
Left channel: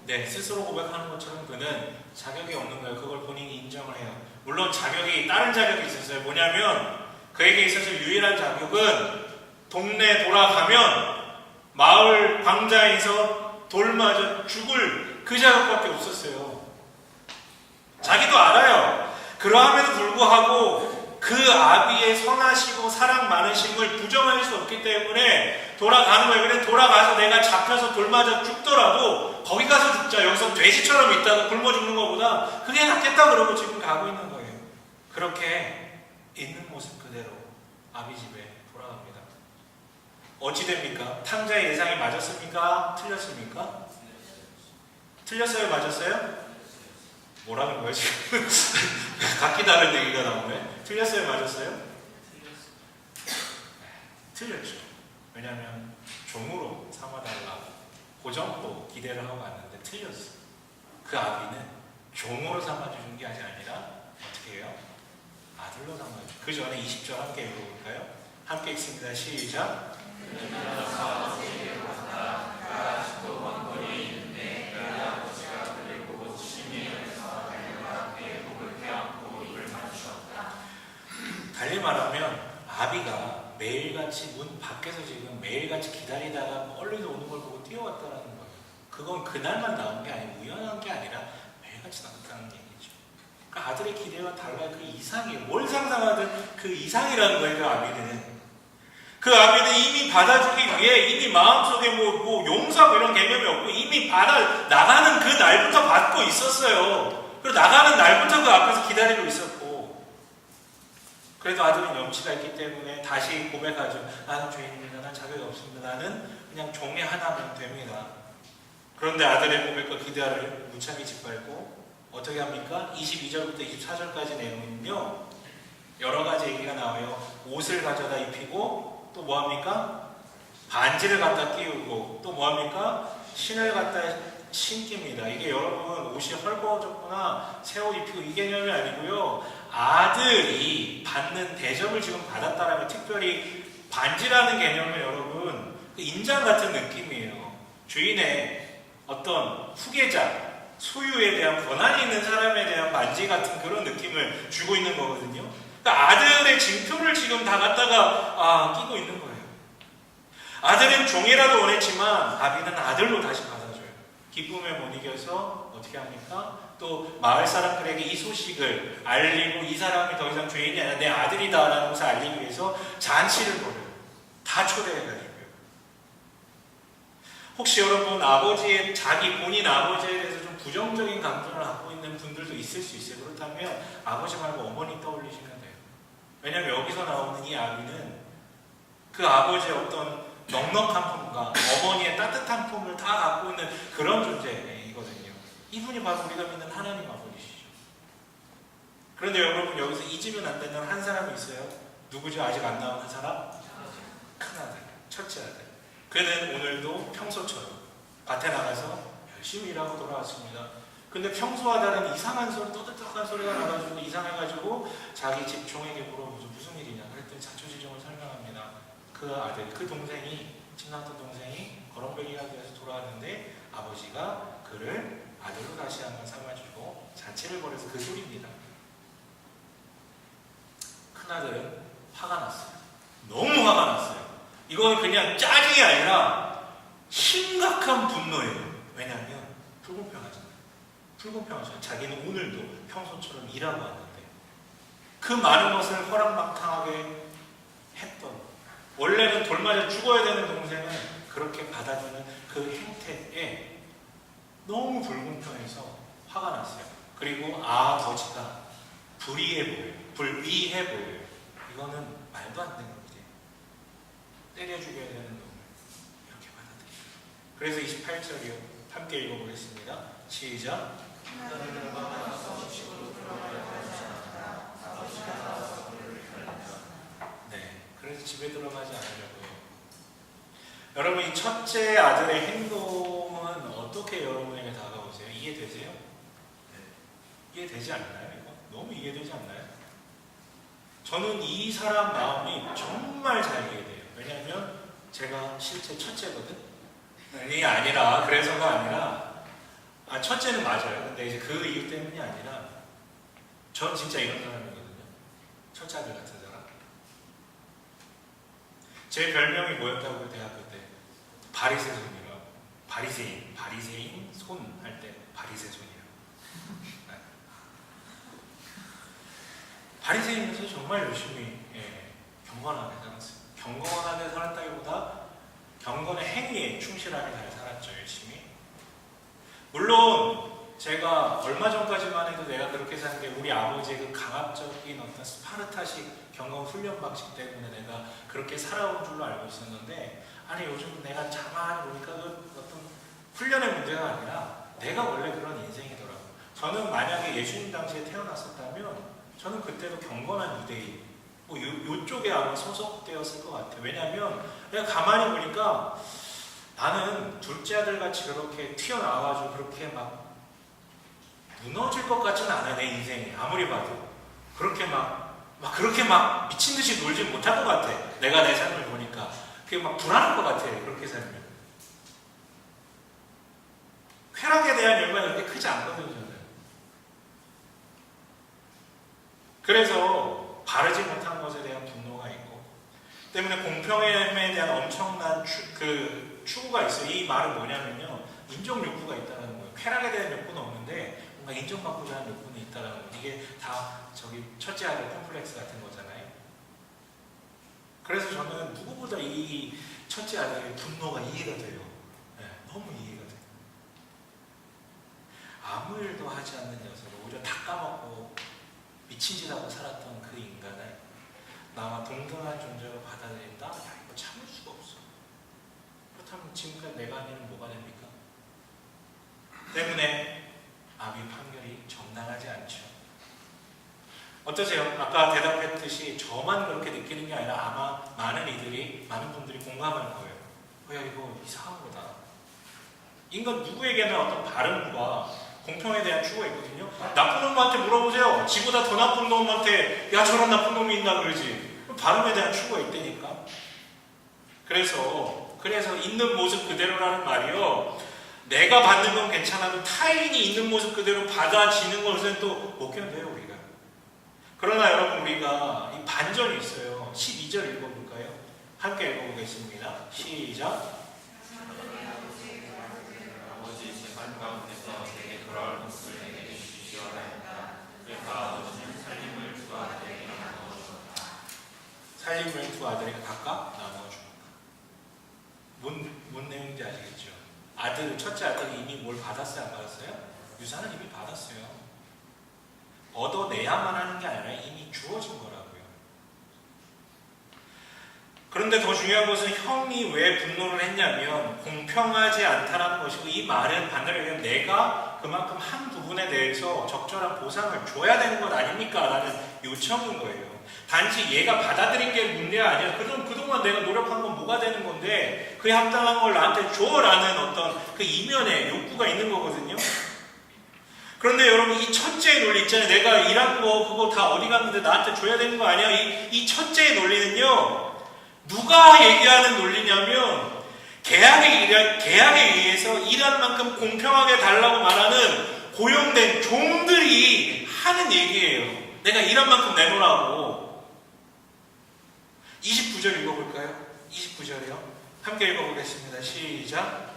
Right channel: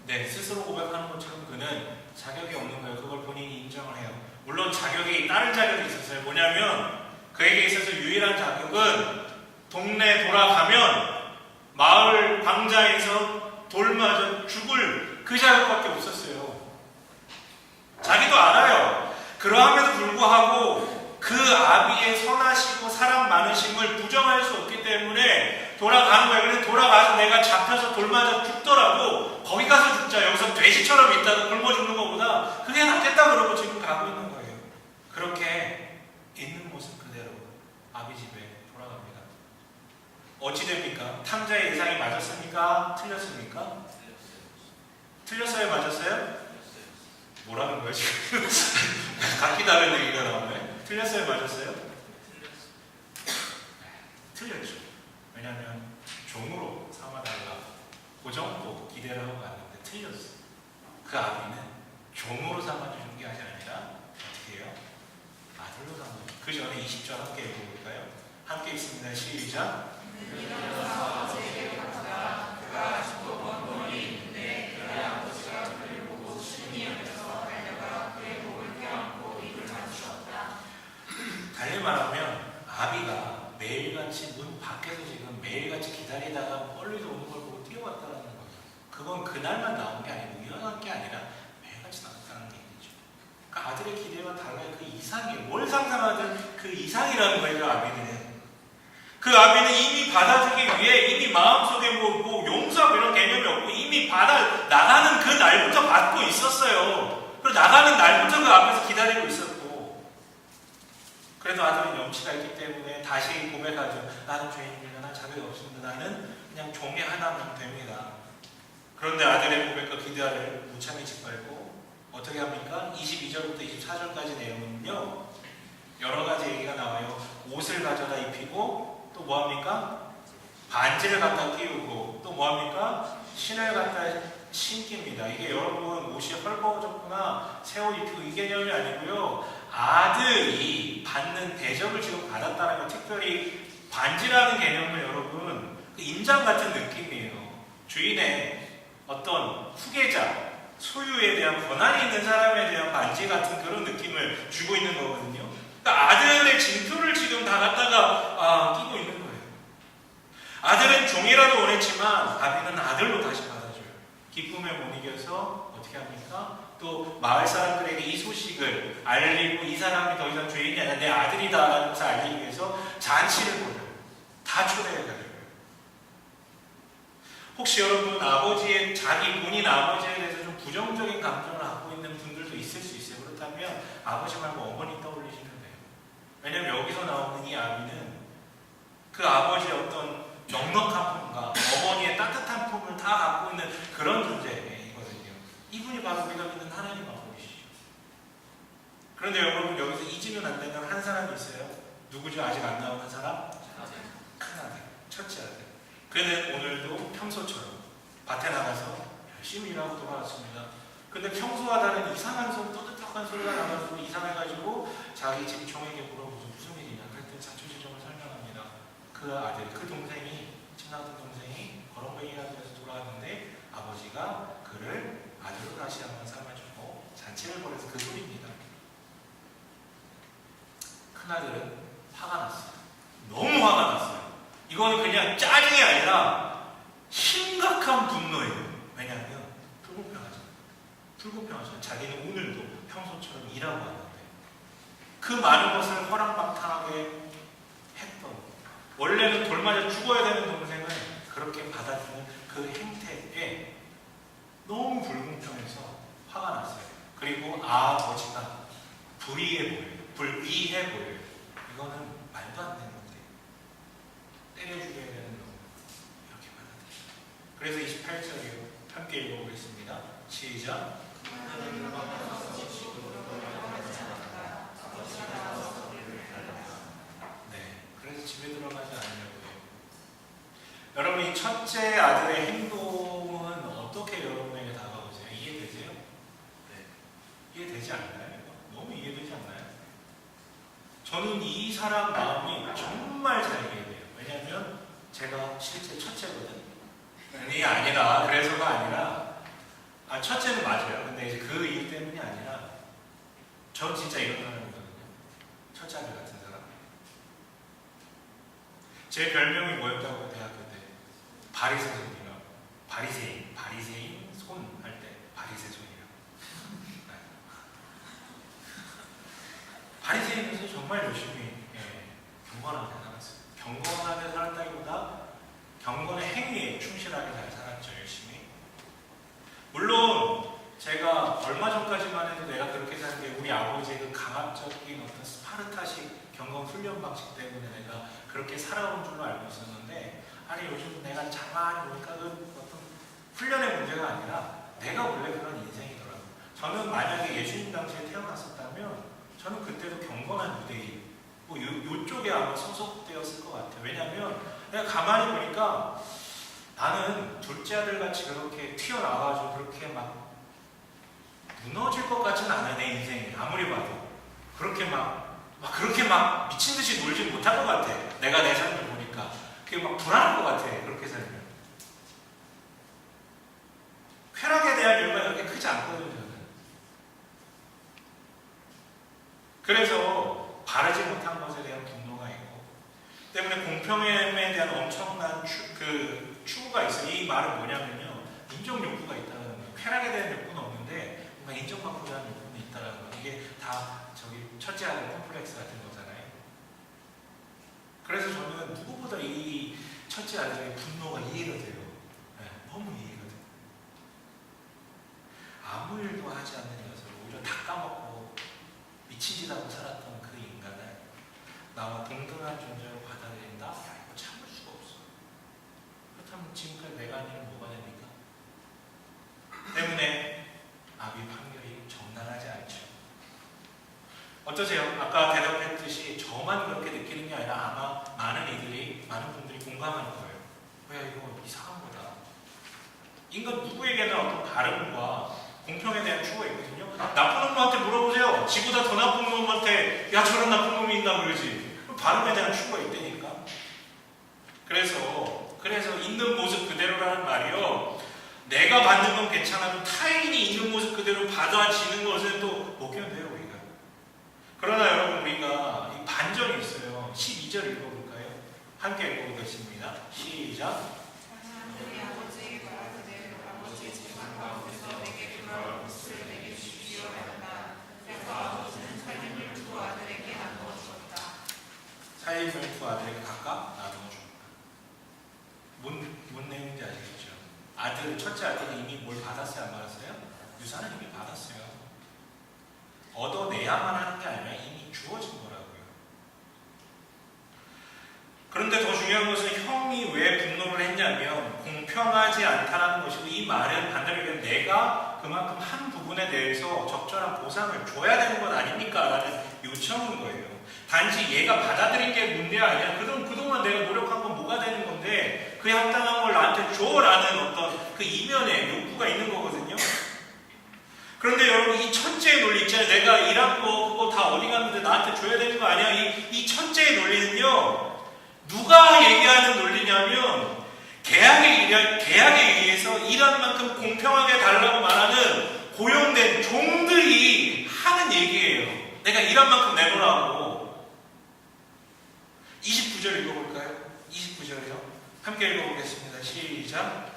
네, 스스로 고백하는 것처럼 그는 자격이 없는 거예요. 그걸 본인이 인정을 해요. 물론 자격이 다른 자격이 있었어요. 뭐냐면 그에게 있어서 유일한 자격은 동네 돌아가면 마을 광장에서 돌 맞아 죽을 그 자격밖에 없었어요. 자기도 알아요. 그러함에도 불구하고 그 아비의 선하시고 사랑 많으심을 부정할 수 없기 때문에 돌아가는 거예요. 그래 돌아가서 내가 잡혀서 돌 맞아 죽더라도 거기 가서 죽자. 여기서 돼지처럼 있다가 굶어 죽는 것보다 그게 낫겠다 그러고 지금 가고 있는 거예요. 그렇게 있는 모습 그대로 아비 집에 돌아갑니다. 어찌 됩니까? 탕자의 예상이 맞았습니까? 틀렸습니까? 틀렸어요? 맞았어요? 뭐라는 거예요 지금? 각기 다른 얘기가 나오네. 틀렸어요? 맞았어요? 틀렸죠. 왜냐하면 종으로 삼아달라고 그 정도 기대를 하고 갔는데 틀렸어요. 그 아비는 종으로 삼아주는 게 아니라 어떻게 해요? 아들로 삼아주는. 그 전에 20절 함께 읽어볼까요? 함께 읽습니다. 시작. 달리 말하면 아비가 매일같이 문 밖에서 지금 매일같이 기다리다가 멀리서 오는 걸 보고 뛰어왔다라는 거예요. 그건 그날만 나온 게 아니고 우연한 게 아니라 매일같이 나왔다는 얘기죠. 그러니까 아들의 기대와 달라요. 그 이상이에요. 뭘 상상하든 그 이상이라는 거예요. 그 아비는. 그 아비는 이미 받아주기 위해 이미 마음속에 뭐 용서 이런 개념이 없고 이미 받아 나가는 그 날부터 받고 있었어요. 그리고 나가는 날부터 그 앞에서 기다리고 있었고. 그래도 아들은 염치가 있기 때문에 다시 고백하죠. 나는 죄인입니다. 난 자격이 없습니다. 나는 그냥 종의 하나면 됩니다. 그런데 아들의 고백과 기대를 무참히 짓밟고 어떻게 합니까? 22절부터 24절까지 내용은요. 여러 가지 얘기가 나와요. 옷을 가져다 입히고 또 뭐합니까? 반지를 갖다 끼우고 또 뭐합니까? 신을 갖다 신깁니다. 이게 여러분 옷이 헐거워졌구나 새 옷 입히고 이 개념이 아니고요. 아들이 받는 대접을 지금 받았다는 건 특별히 반지라는 개념은 여러분 그 인장 같은 느낌이에요. 주인의 어떤 후계자, 소유에 대한 권한이 있는 사람에 대한 반지 같은 그런 느낌을 주고 있는 거거든요. 그러니까 아들의 징표를 지금 다 갖다가 끼고 있는 거예요. 아들은 종이라도 원했지만 아비는 아들로 다시 받아줘요. 기쁨에 못 이겨서 어떻게 합니까? 또 마을 사람들에게 이 소식을 알리고 이 사람이 더 이상 죄인이 아니라 내 아들이다 라는 것을 알리기 위해서 잔치를 벌여요. 다 초대해가지고요. 혹시 여러분 아버지의 자기 본인 아버지에 대해서 좀 부정적인 감정을 갖고 있는 분들도 있을 수 있어요. 그렇다면 아버지 말고 어머니 떠올리시면 돼요. 왜냐하면 여기서 나오는 이 아비는 그 아버지의 어떤 넉넉한 품과 어머니의 따뜻한 품을 다 갖고 있는 그런 존재이거든요. 이분이 바로 우리가 믿는 하나님 아버지시죠. 그런데 여러분 여기서 잊으면 안 되는 한 사람이 있어요. 누구죠? 아직 안 나온 한 사람? 큰아들, 첫째 아들. 그는 오늘도 평소처럼 밭에 나가서 열심히 일하고 돌아왔습니다. 근데 평소와 다른 이상한 소리, 떠들떡한 소리가 나가지고 이상해가지고 자기 집 종에게 물어보죠. 무슨 일이냐? 그랬더니 자초지종을 설명합니다. 그 아들, 그 동생이, 친남동 동생이 거렁뱅이가 되어서 돌아왔는데 아버지가 그를 아들로 다시 한번 삼아주고 잔치를 벌여서 그 소리입니다. 큰아들은 화가 났어요. 너무 화가 났어요. 이건 그냥 짜증이 아니라 심각한 분노예요. 왜냐하면 불공평하잖아요. 불공평하죠. 자기는 오늘도 평소처럼 일하고 왔는데 그 많은 것을 허락막탕하게 했던 원래는 돌 맞아 죽어야 되는 동생을 그렇게 받아주는 그 행태에 너무 불공평해서 화가 났어요. 그리고 아버지가 불의해 보여요. 불의해 보여요. 이거는 말도 안 되는 일이에요. 때려 죽여야 되는 놈을 이렇게 받아들여요. 그래서 28절이요. 함께 읽어보겠습니다. 시작. 네, 그래서 집에 들어가지 않으려고요. 여러분 이 첫째 아들의 행동은 어떻게 여러분에게 다가오세요? 이해되세요? 네. 이해되지 않나요? 이거? 너무 이해되지 않나요? 저는 이 사람 마음이 정말 잘 이해돼요. 왜냐하면 제가 실제 첫째거든. 이게 아니라 그래서가 아니라 첫째는 맞아요. 근데 이제 그 이유 때문이 아니라 전 진짜 이런 사람이거든요. 첫째 아들 같은 사람. 제 별명이 뭐였다고요? 대학교 때 바리새손이라고. 바리새인 손 할 때 바리새손이라고. 네. 바리새인으로서 정말 열심히 경건하게 살았어요. 경건하게 살았다기보다 경건의 행위에 충실하게 잘 살았죠. 열심히. 물론 제가 얼마 전까지만 해도 내가 그렇게 사는 게 우리 아버지의 그 강압적인 어떤 스파르타식 경건 훈련 방식 때문에 내가 그렇게 살아온 줄로 알고 있었는데, 아니 요즘 내가 가만히 보니까 그 어떤 훈련의 문제가 아니라 내가 원래 그런 인생이더라고요. 저는 만약에 예수님 당시에 태어났었다면 저는 그때도 경건한 유대인 뭐 요쪽에 아마 소속되었을 것 같아요. 왜냐하면 내가 가만히 보니까 나는 둘째 아들 같이 그렇게 튀어나와가지고 그렇게 막 무너질 것 같지는 않아요. 내 인생이 아무리 봐도 그렇게 그렇게 미친 듯이 놀지 못할 것 같아. 내가 내 삶을 보니까 그게 막 불안할 것 같아. 그렇게 살면 쾌락에 대한 욕망이 그렇게 크지 않거든요. 저는. 그래서 바르지 못한 것에 대한 분노가 있고 때문에 공평함에 대한 엄청난 추구가 있어요. 이 말은 뭐냐면요, 인정 욕구가 있다는 거예요. 쾌락에 대한 욕구는 없는데 뭔가 인정받고자 하는 욕구는 있다는 거예요. 이게 다 첫째 아들 콤플렉스 같은 거잖아요. 그래서 저는 누구보다 이 첫째 아들의 분노가 이해가 돼요. 네, 너무 이해가 돼요. 아무 일도 하지 않는 녀석을 오히려 다 까먹고 미친 짓 하고 살았던 그 인간을 나와 동등한 존재로 받아들인다? 야, 이거 참을 수가 없어. 그렇다면 지금까지 내가 한 일은 뭐가 됩니까? 때문에 아비 판결이 정당하지 않죠. 어떠세요? 아까 대답했듯이 저만 그렇게 느끼는 게 아니라 아마 많은 분들이 공감할 거예요. 야, 이거 이상한 거다. 인간 누구에게나 어떤 바름과 공평에 대한 추구가 있거든요. 나쁜 놈한테 물어보세요. 지보다 더 나쁜 놈한테 야, 저런 나쁜 놈이 있나 그러지. 바름에 대한 추구가 있다니까. 그래서 있는 모습 그대로라는 말이요, 내가 받는 건 괜찮아도 타인이 있는 모습 그대로 받아지는 것은 또 못 견뎌요, 우리가. 그러나 여러분, 우리가 이 반전이 있어요. 12절 읽어볼까요? 함께 읽어보겠습니다. 시작. 살림을 두 아들에게 각각 나누어 줍니다. 뭔 내용인지 아시겠죠? 첫째 아들이 이미 뭘 받았어요? 안 받았어요? 유산은 이미 받았어요. 얻어내야만 하는 게 아니라 이미 주어진 거라고요. 그런데 더 중요한 것은 형이 왜 분노를 했냐면 공평하지 않다라는 것이고, 이 말은 반대로 얘기하면 내가 그만큼 한 부분에 대해서 적절한 보상을 줘야 되는 것 아닙니까? 라는 요청인 거예요. 단지 얘가 받아들인 게 문제가 아니라 그동안 내가 노력한 건 뭐가 되는 건데 그에 합당한 걸 나한테 줘라는 어떤 그 이면에 욕구가 있는 거거든요. 그런데 여러분, 이 첫째의 논리 있잖아요. 내가 일한 거 그거 다 어디 갔는데 나한테 줘야 되는 거 아니야? 이 첫째의 논리는요, 누가 얘기하는 논리냐면 계약에 의해서 일한 만큼 공평하게 달라고 말하는 고용된 종들이 하는 얘기예요. 내가 일한 만큼 내놓으라고. 29절 읽어볼까요? 29절이요. 함께 읽어보겠습니다. 시작.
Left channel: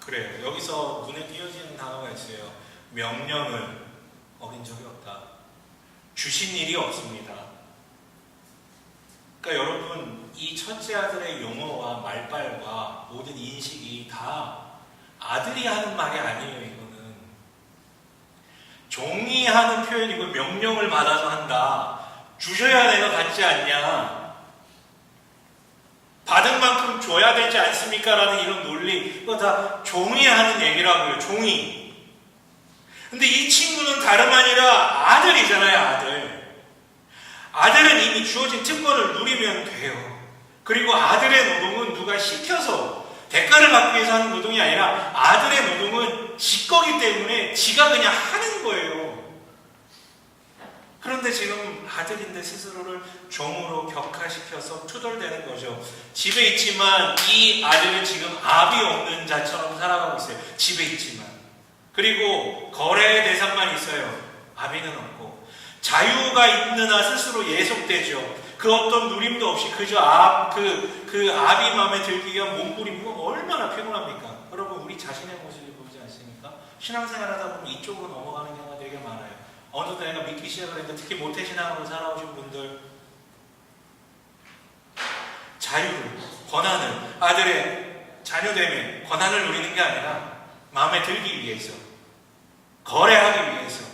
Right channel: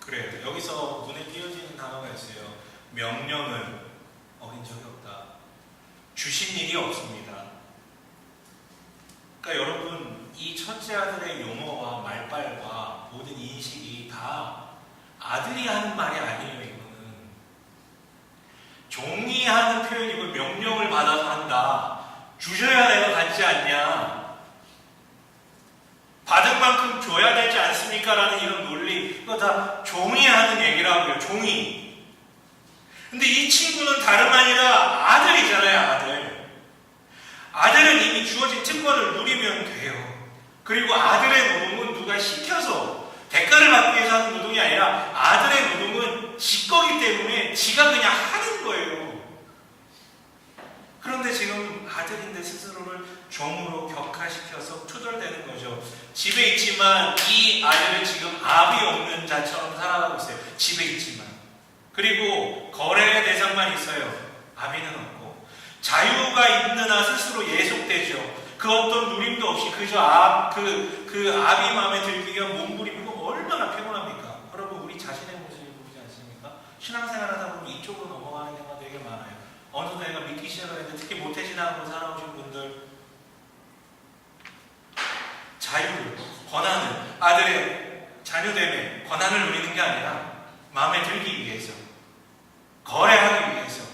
그래요. 여기서 눈에 띄어지는 단어가 있어요. 명령은 어긴 적이 없다. 주신 일이 없습니다. 그러니까 여러분, 이 첫째 아들의 용어와 말발과 모든 인식이 다 아들이 하는 말이 아니에요. 이거는 종이 하는 표현이고, 명령을 받아서 한다. 주셔야 내가 받지 않냐, 받은 만큼 줘야 되지 않습니까? 라는 이런 논리, 이거 다 종이 하는 얘기라고요. 종이. 근데 이 친구는 다름 아니라 아들이잖아요. 아들은 이미 주어진 특권을 누리면 돼요. 그리고 아들의 노동은 누가 시켜서 대가를 받기 위해서 하는 노동이 아니라 아들의 노동은 지 거기 때문에 지가 그냥 하는 그런데 지금 아들인데 스스로를 종으로 격하시켜서 투덜대는 거죠. 집에 있지만 이 아들은 지금 압이 없는 자처럼 살아가고 있어요. 집에 있지만. 그리고 거래의 대상만 있어요. 아비는 없고. 자유가 있는 한 스스로 예속되죠. 그 어떤 누림도 없이 그저 그 압이 마음에 들기 위한 몸부림이고 얼마나 피곤합니까? 여러분, 우리 자신의 모습을 보지 않습니까? 신앙생활 하다 보면 이쪽으로 넘어가는 경우가 되게 많아요. 어느덧 내가 믿기 시작을 했는데, 특히 모태신앙으로 살아오신 분들, 자유를, 권한을, 아들의 자녀됨의 권한을 누리는 게 아니라 마음에 들기 위해서, 거래하기 위해서.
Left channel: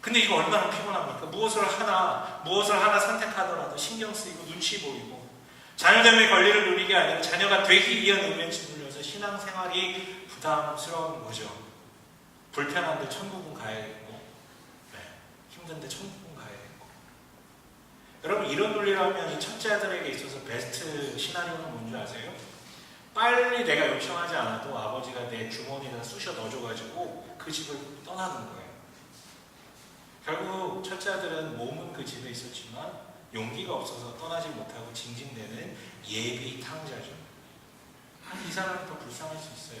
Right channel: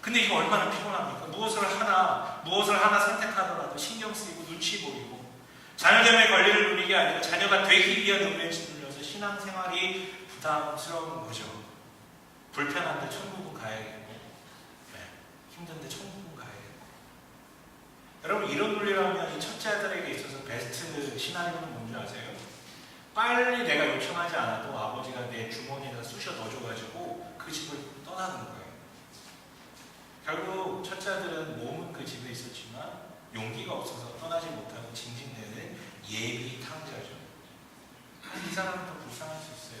근데 이거 얼마나 피곤합니까? 무엇을 하나 선택하더라도 신경 쓰이고 눈치 보이고, 자녀됨의 권리를 누리는 게 아니라 자녀가 되기 위한 의미에 짓눌려서 신앙생활이 부담스러운 거죠. 불편한데 천국은 가야겠고, 힘든데 천국은 가야겠고. 여러분, 이런 논리라면 이 첫째 아들에게 있어서 베스트 시나리오는 뭔지 아세요? 빨리 내가 요청하지 않아도 아버지가 내 주머니에다 쑤셔 넣어줘가지고 그 집을 떠나는 거예요. 결국 첫째 아들은 몸은 그 집에 있었지만 용기가 없어서 떠나지 못하고 징징대는 예비 탕자죠. 이 사람은 더 불쌍할 수 있어요.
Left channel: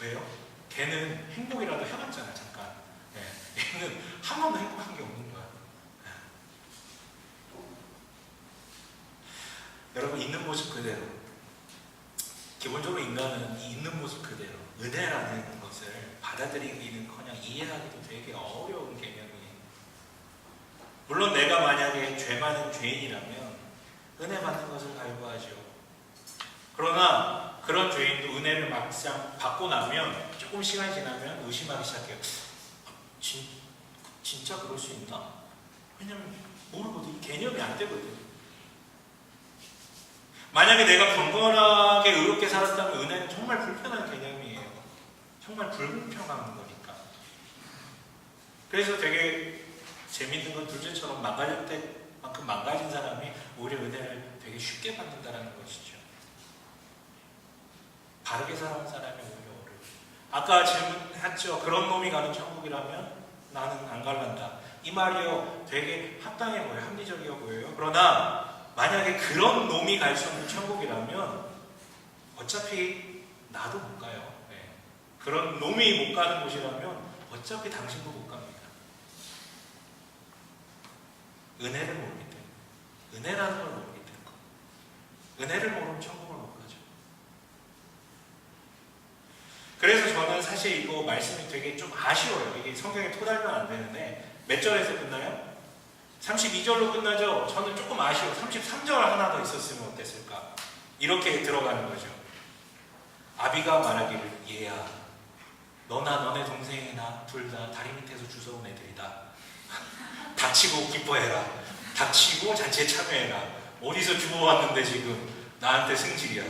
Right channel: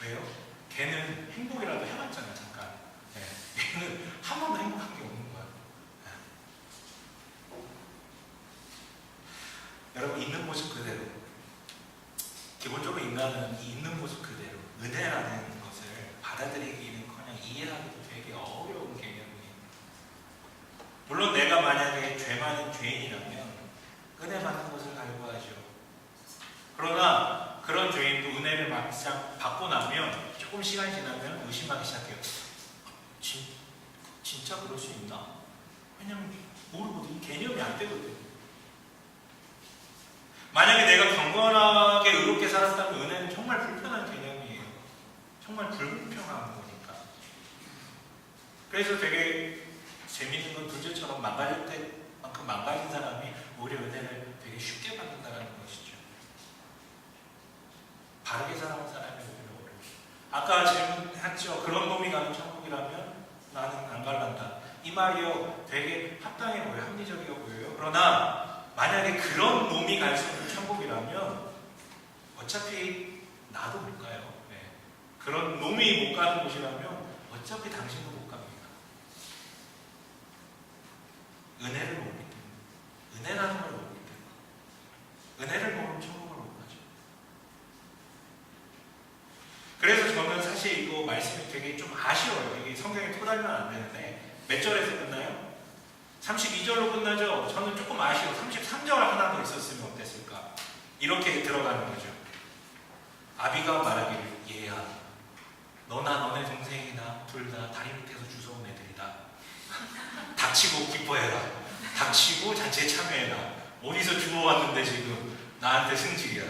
왜요? 걔는 행복이라도 해봤잖아요, 잠깐. 얘는 한 번도 행복한 게 없는 거야. 여러분, 있는 모습 그대로. 기본적으로 인간은 이 있는 모습 그대로 은혜라는 것을 받아들이기는커녕 이해하기도 되게 어려운 개념이에요. 물론 내가 만약에 죄 많은 죄인이라면 은혜 받는 것을 갈구하죠. 그러나 그런 죄인도 은혜를 막상 받고 나면 조금 시간이 지나면 의심하기 시작해요. 진짜 그럴 수 있나? 왜냐면 모르거든. 개념이 안 되거든. 만약에 내가 경건하게 의롭게 살았다면 은혜는 정말 불편한 개념이에요. 정말 불공평한 거니까. 그래서 되게 재밌는 건 둘째처럼 망가질 때만큼 망가진 사람이 오히려 은혜를 되게 쉽게 받는다는 것이죠. 바르게 살아온 사람이 오히려 어려워요. 아까 질문했죠. 그런 놈이 가는 천국이라면 나는 안 갈란다. 이 말이요, 되게 합당해 보여요. 합리적이어 보여요. 그러나 만약에 그런 놈이 갈 수 없는 천국이라면 어차피 나도 못 가요. 그런 놈이 못 가는 곳이라면 어차피 당신도 못 갑니다. 은혜를 못 믿는 거. 은혜라는 걸 못 믿는 거. 은혜를 모르면 천국을 못 가죠. 그래서 저는 사실 이거 말씀이 되게 좀 아쉬워요. 이게 성경에 토달면 안 되는데 몇 절에서 끝나요? 32절로 끝나죠? 저는 조금 아쉬워. 33절 하나 더 있었으면 어땠을까? 이렇게 들어가는 거죠. 아비가 말하기를, 얘야, 너나 너네 동생이나 둘 다 다리 밑에서 주워온 애들이다. 닥치고 기뻐해라. 닥치고 잔치에 참여해라. 어디서 주워왔는데 지금 나한테 승질이야.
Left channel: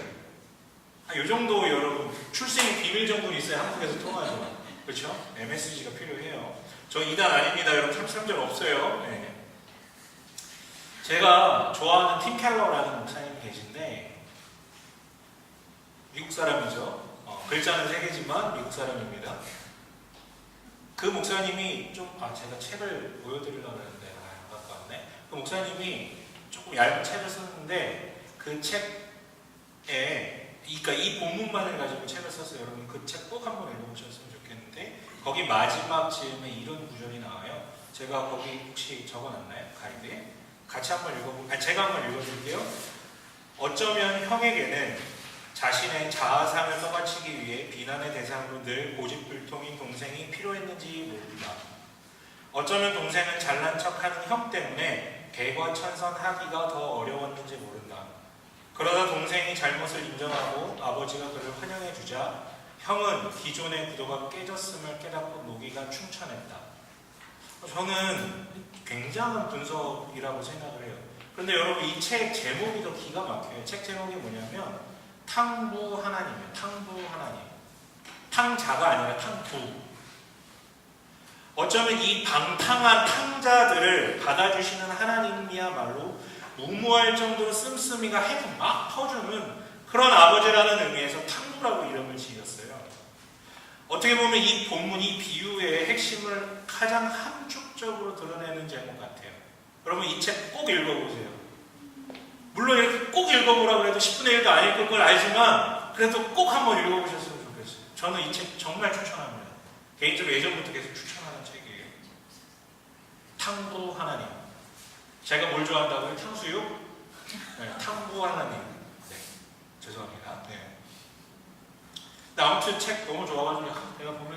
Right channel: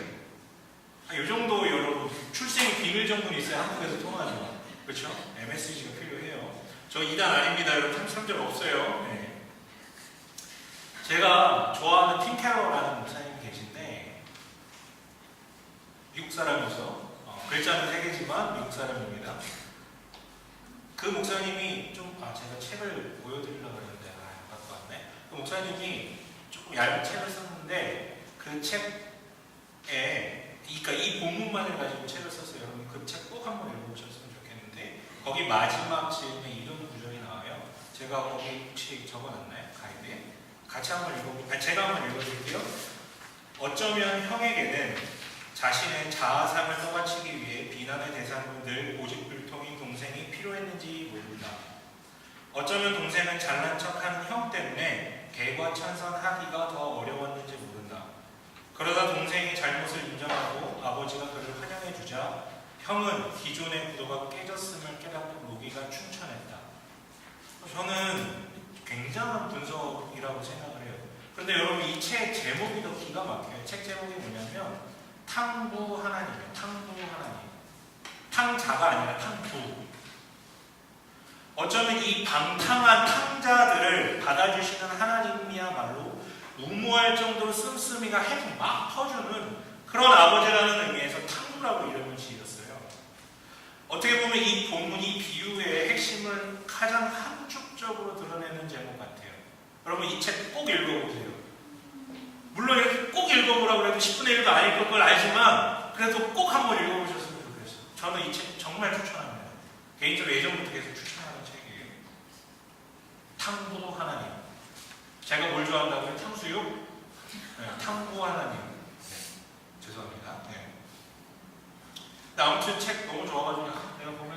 이 정도 여러분, 출생 비밀 정도는 있어야 한국에서 통하죠. 그렇죠? MSG가 필요해요. 저 2단 아닙니다. 여러분, 33절 없어요. 네. 제가 좋아하는 팀 켈러라는 목사님이 계신데 미국 사람이죠. 글자는 3개지만 미국 사람입니다. 그 목사님이 제가 책을 보여드리려고 했는데 안 갖고 왔네. 그 목사님이 조금 얇은 책을 썼는데 그 책에 이 본문만을 가지고 책을 썼어요. 여러분, 그 책 꼭 한번 읽어보셨으면 좋겠는데 거기 마지막 즈음에 이런 구절이 나와요. 제가 거기 혹시 적어놨나요? 가이드에? 같이 한번 제가 한번 읽어드릴게요. 어쩌면 형에게는 자신의 자아상을 떠받치기 위해 비난의 대상으로 늘 고집불통인 동생이 필요했는지 모른다. 어쩌면 동생은 잘난 척하는 형 때문에 개과천선하기가 더 어려웠는지 모른다. 그러다 동생이 잘못을 인정하고 아버지가 그를 환영해주자 형은 기존의 구도가 깨졌음을 깨닫고 노기가 충천했다. 저는 굉장한 분석이라고 생각을 해요. 그런데 여러분, 이 책 제목이 더 기가 막혀요. 책 제목이 뭐냐면 탕부 하나님이에요. 탕부 하나님. 탕자가 아니라 탕부. 어쩌면 이 방탕한 탕자들을 받아주시는 하나님이야말로 무모할 정도로 씀씀이가 핵 막 터주는 그런 아버지라는 의미에서 탕부라고 이름을 지었어요. 어떻게 보면 이 본문, 이 비유의 핵심을 가장 함축 직접적으로 드러내는 제목 같아요. 여러분 이 책 꼭 읽어보세요. 물론 이렇게 꼭 읽어보라고 해도 10분의 1도 아닐 걸 알지만 그래도 꼭 한번 읽어보셨으면 좋겠어요. 저는 이 책 정말 추천합니다. 개인적으로 예전부터 계속 추천하는 책이에요. 탕부 하나님. 제가 뭘 좋아한다고요? 탕수육? 네, 탕부 하나님. 네, 죄송합니다. 네. 근데 아무튼 책 너무 좋아가지고 내가 보면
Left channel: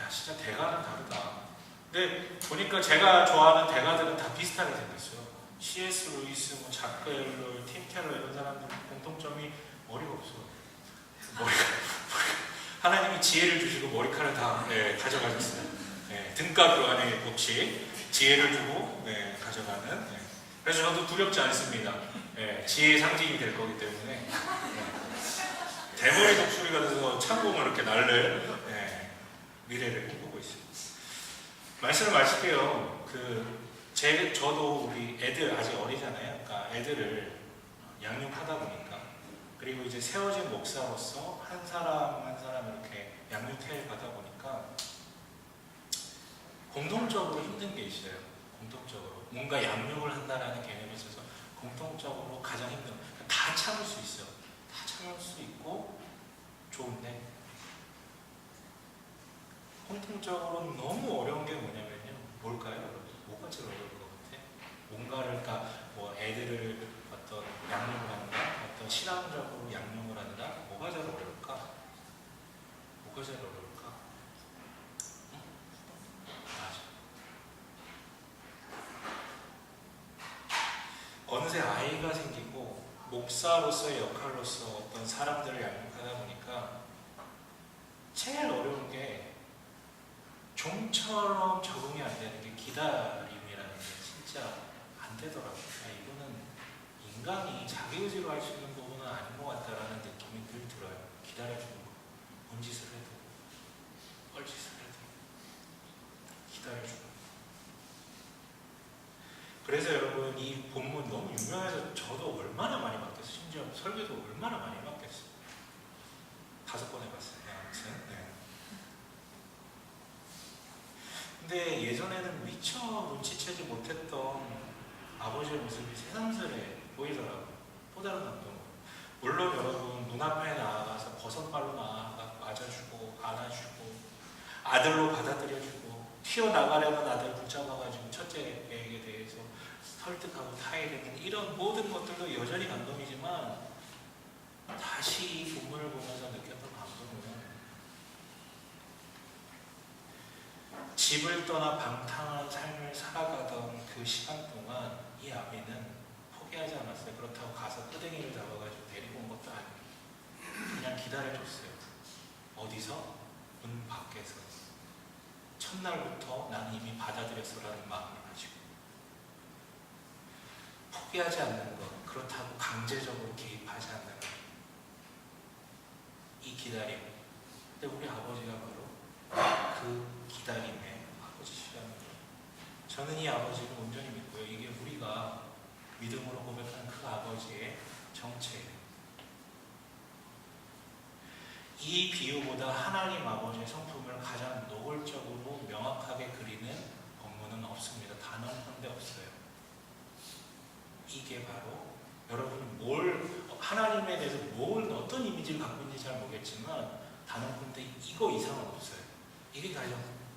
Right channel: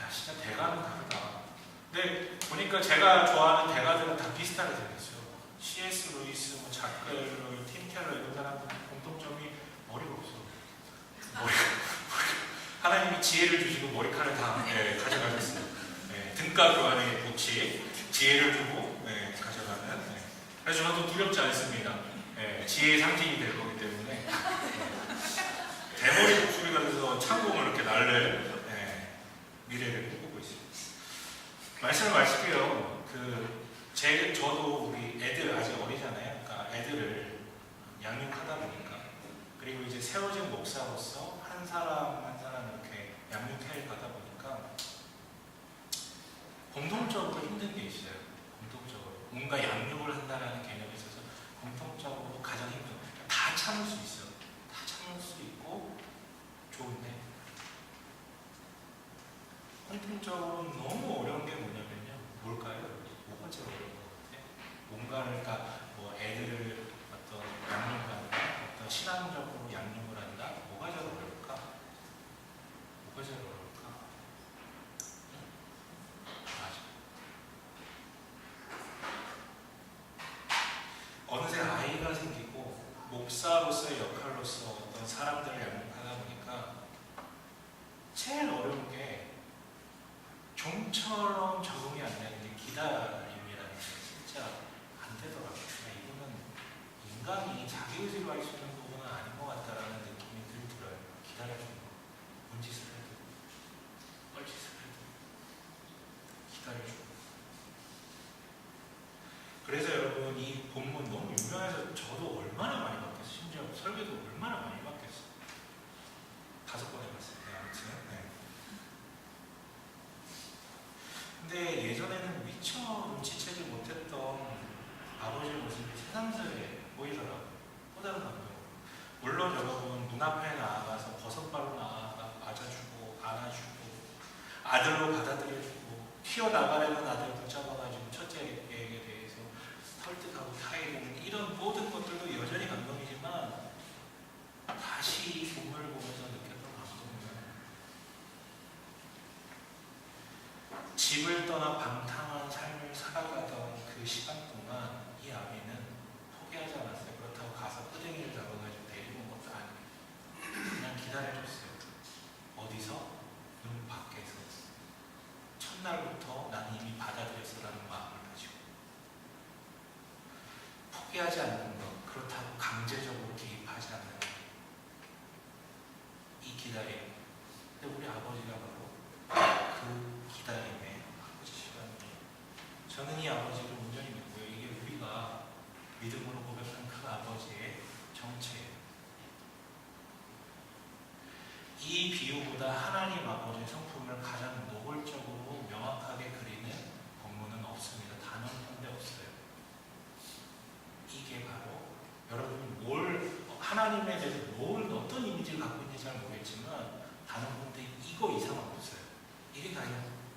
야 진짜 대가는 다르다. 근데 보니까 제가 좋아하는 대가들은 다 비슷하게 생겼어요. C.S. 루이스, 뭐 자크 엘로이, 팀 켈러 이런 사람들 공통점이 머리가 없어. 하나님이 지혜를 주시고 머리카락을 다 가져가셨어요. 등가 그 안에 놓지 지혜를 주고 가져가는. 그래서 저도 두렵지 않습니다. 지혜의 상징이 될 거기 때문에 대머리 독수리가 돼서 창공을 이렇게 날릴 미래를 꿈꾸고 있습니다. 말씀을 마실게요. 저도 우리 애들 아직 어리잖아요. 그러니까 애들을 양육하다 보니까 그리고 이제 세워진 목사로서 한 사람 한 사람 이렇게 양육해 가다 보니까 공통적으로 힘든 게 있어요. 공통적으로 뭔가 양육을 한다라는 개념에 있어서 공통적으로 가장 힘든 다 참을 수 있어요. 다 참을 수 있고 좋은데 공통적으로 너무 어려운 게 뭐냐면요. 뭘까요? 뭐가 제일 어려운 것 같아? 뭔가를 뭐 애들을 어떤 양육을 한다, 어떤 신앙적으로 양육을 한다. 뭐가 제일 어려울까? 뭐가 제일 어려울까? 응? 맞아. 어느새 아이가 생기고 목사로서의 역할로서 어떤 사람들을 양육하다 보니까 제일 어려운 게 좀처럼 적응이 안 되는 게 기다림이라는 게 진짜 안 되더라고요. 이거는 인간이 자기 의지로 할 수 있는 부분은 아닌 것 같다라는 느낌이 늘 들어요. 기다려주는 거. 뭔 짓을 해도, 뻘짓을 해도 기다려주는 거. 그래서 여러분 이 본문 너무 유명해서 저도 얼마나 많이 받겠어요. 심지어 설교도 얼마나 많이 받겠어요. 5번 해봤어요. 아무튼. 근데 예전에는 미처 눈치채지 못했던 아버지의 모습이 새삼스레 보이더라고요. 또 다른 감동으로. 물론 여러분 문 앞에 나가서 버선발로 맞아주고 안아주고 아들로 받아들여주고 튀어나가려는 아들 붙잡아가지고 첫째에게 대해서 설득하고 타이르는 이런 모든 것들도 여전히 감동이지만 다시 이 부분을 보면서 느꼈던 감동은 집을 떠나 방탕한 삶을 살아가던 그 시간 동안 이 아비는 포기하지 않았어요. 그렇다고 가서 끄댕이를 잡아가지고 데리고 온 것도 아니에요. 그냥 기다려줬어요. 어디서? 문 밖에서. 첫날부터 나는 이미 받아들였어라는 마음을 가지고. 포기하지 않는 것, 그렇다고 강제적으로 개입하지 않는 것. 이 기다림. 근데 우리 아버지가 바로 그 기다림의 아버지시라는 저는 이 아버지를 온전히 믿고요. 이게 우리가 믿음으로 고백한 그 아버지의 정체예요. 이 비유보다 하나님 아버지의 성품을 가장 노골적으로 명확하게 그리는 본문은 없습니다. 단어 한데 없어요. 이게 바로 여러분이 하나님에 대해서 어떤 이미지를 갖고 있는지 잘 모르겠지만 단어 한데 이거 이상은 없어요. 이게 가장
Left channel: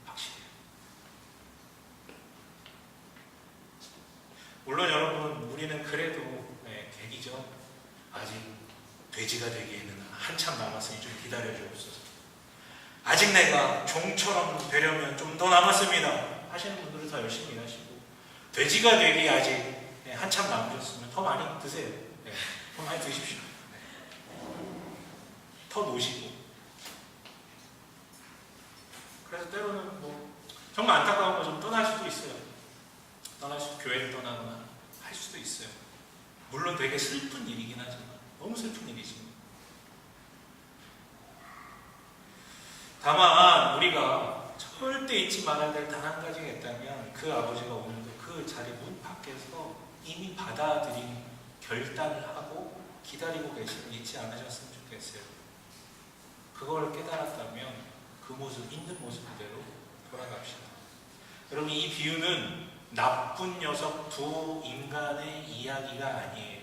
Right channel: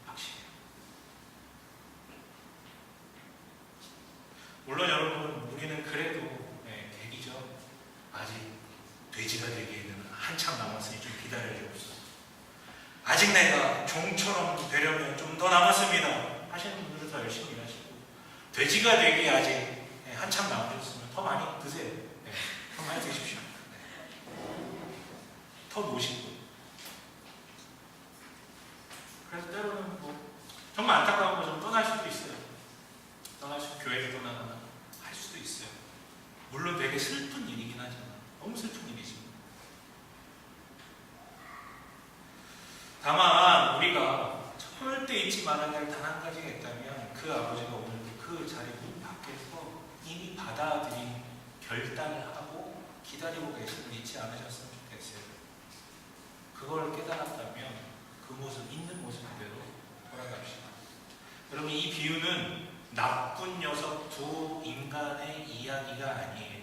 확실해요. 물론 여러분 우리는 그래도 계기죠. 아직 돼지가 되기에는 한참 남았으니 좀 기다려주옵소서. 아직 내가 종처럼 되려면 좀 더 남았습니다 하시는 분들은 더 열심히 일하시고 돼지가 되기에 아직 한참 남으셨으면 더 많이 드세요. 더 많이 드십시오. 더 노시고. 그래서 때로는 정말 안타까운 거 좀 떠날 수도 있어요. 교회를 떠나거나 할 수도 있어요. 물론 되게 슬픈 일이긴 하지만 너무 슬픈 일이지. 다만 우리가 절대 잊지 말아야 될 단 한 가지가 있다면 그 아버지가 오늘도 그 자리 문 밖에서 이미 받아들인 결단을 하고 기다리고 계심을 잊지 않으셨으면 좋겠어요. 그걸 깨달았다면 그 모습, 있는 모습 그대로 돌아갑시다. 여러분 이 비유는 나쁜 녀석 두 인간의 이야기가 아니에요.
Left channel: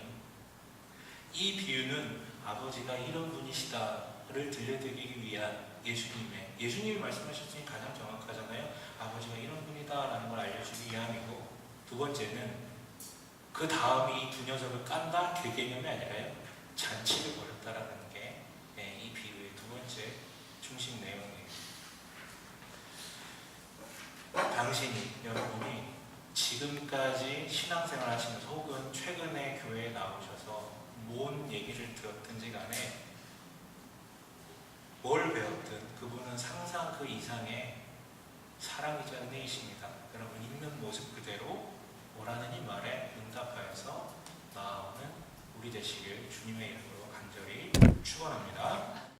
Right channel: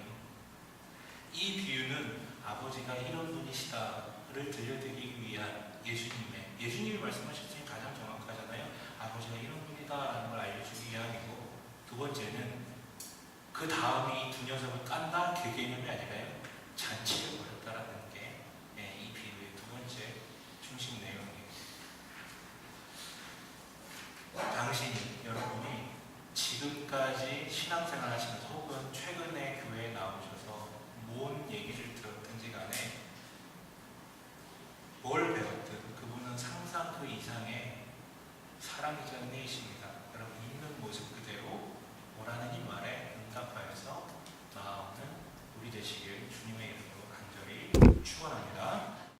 이 비유는 아버지가 이런 분이시다를 들려드리기 위한 예수님이 말씀하셨으니 가장 정확하잖아요. 아버지가 이런 분이다라는 걸 알려주기 위함이고, 두 번째는 그 다음에 이 두 녀석을 깐다 그 개념이 아니라요. 잔치를 벌였다라는 게 이 비유의 두 번째 중심 내용이에요. 당신이 여러분이 지금까지 신앙생활 하시면서 혹은 최근에 교회에 나오셔서 뭔 얘기를 들었든지 간에 뭘 배웠든 그분은 상상 그 이상의 사랑이자 은혜이십니다. 여러분 있는 모습 그대로 오라는 이 말에 응답하여서 나아오는 우리 되시길 주님의 이름으로 간절히 축원합니다.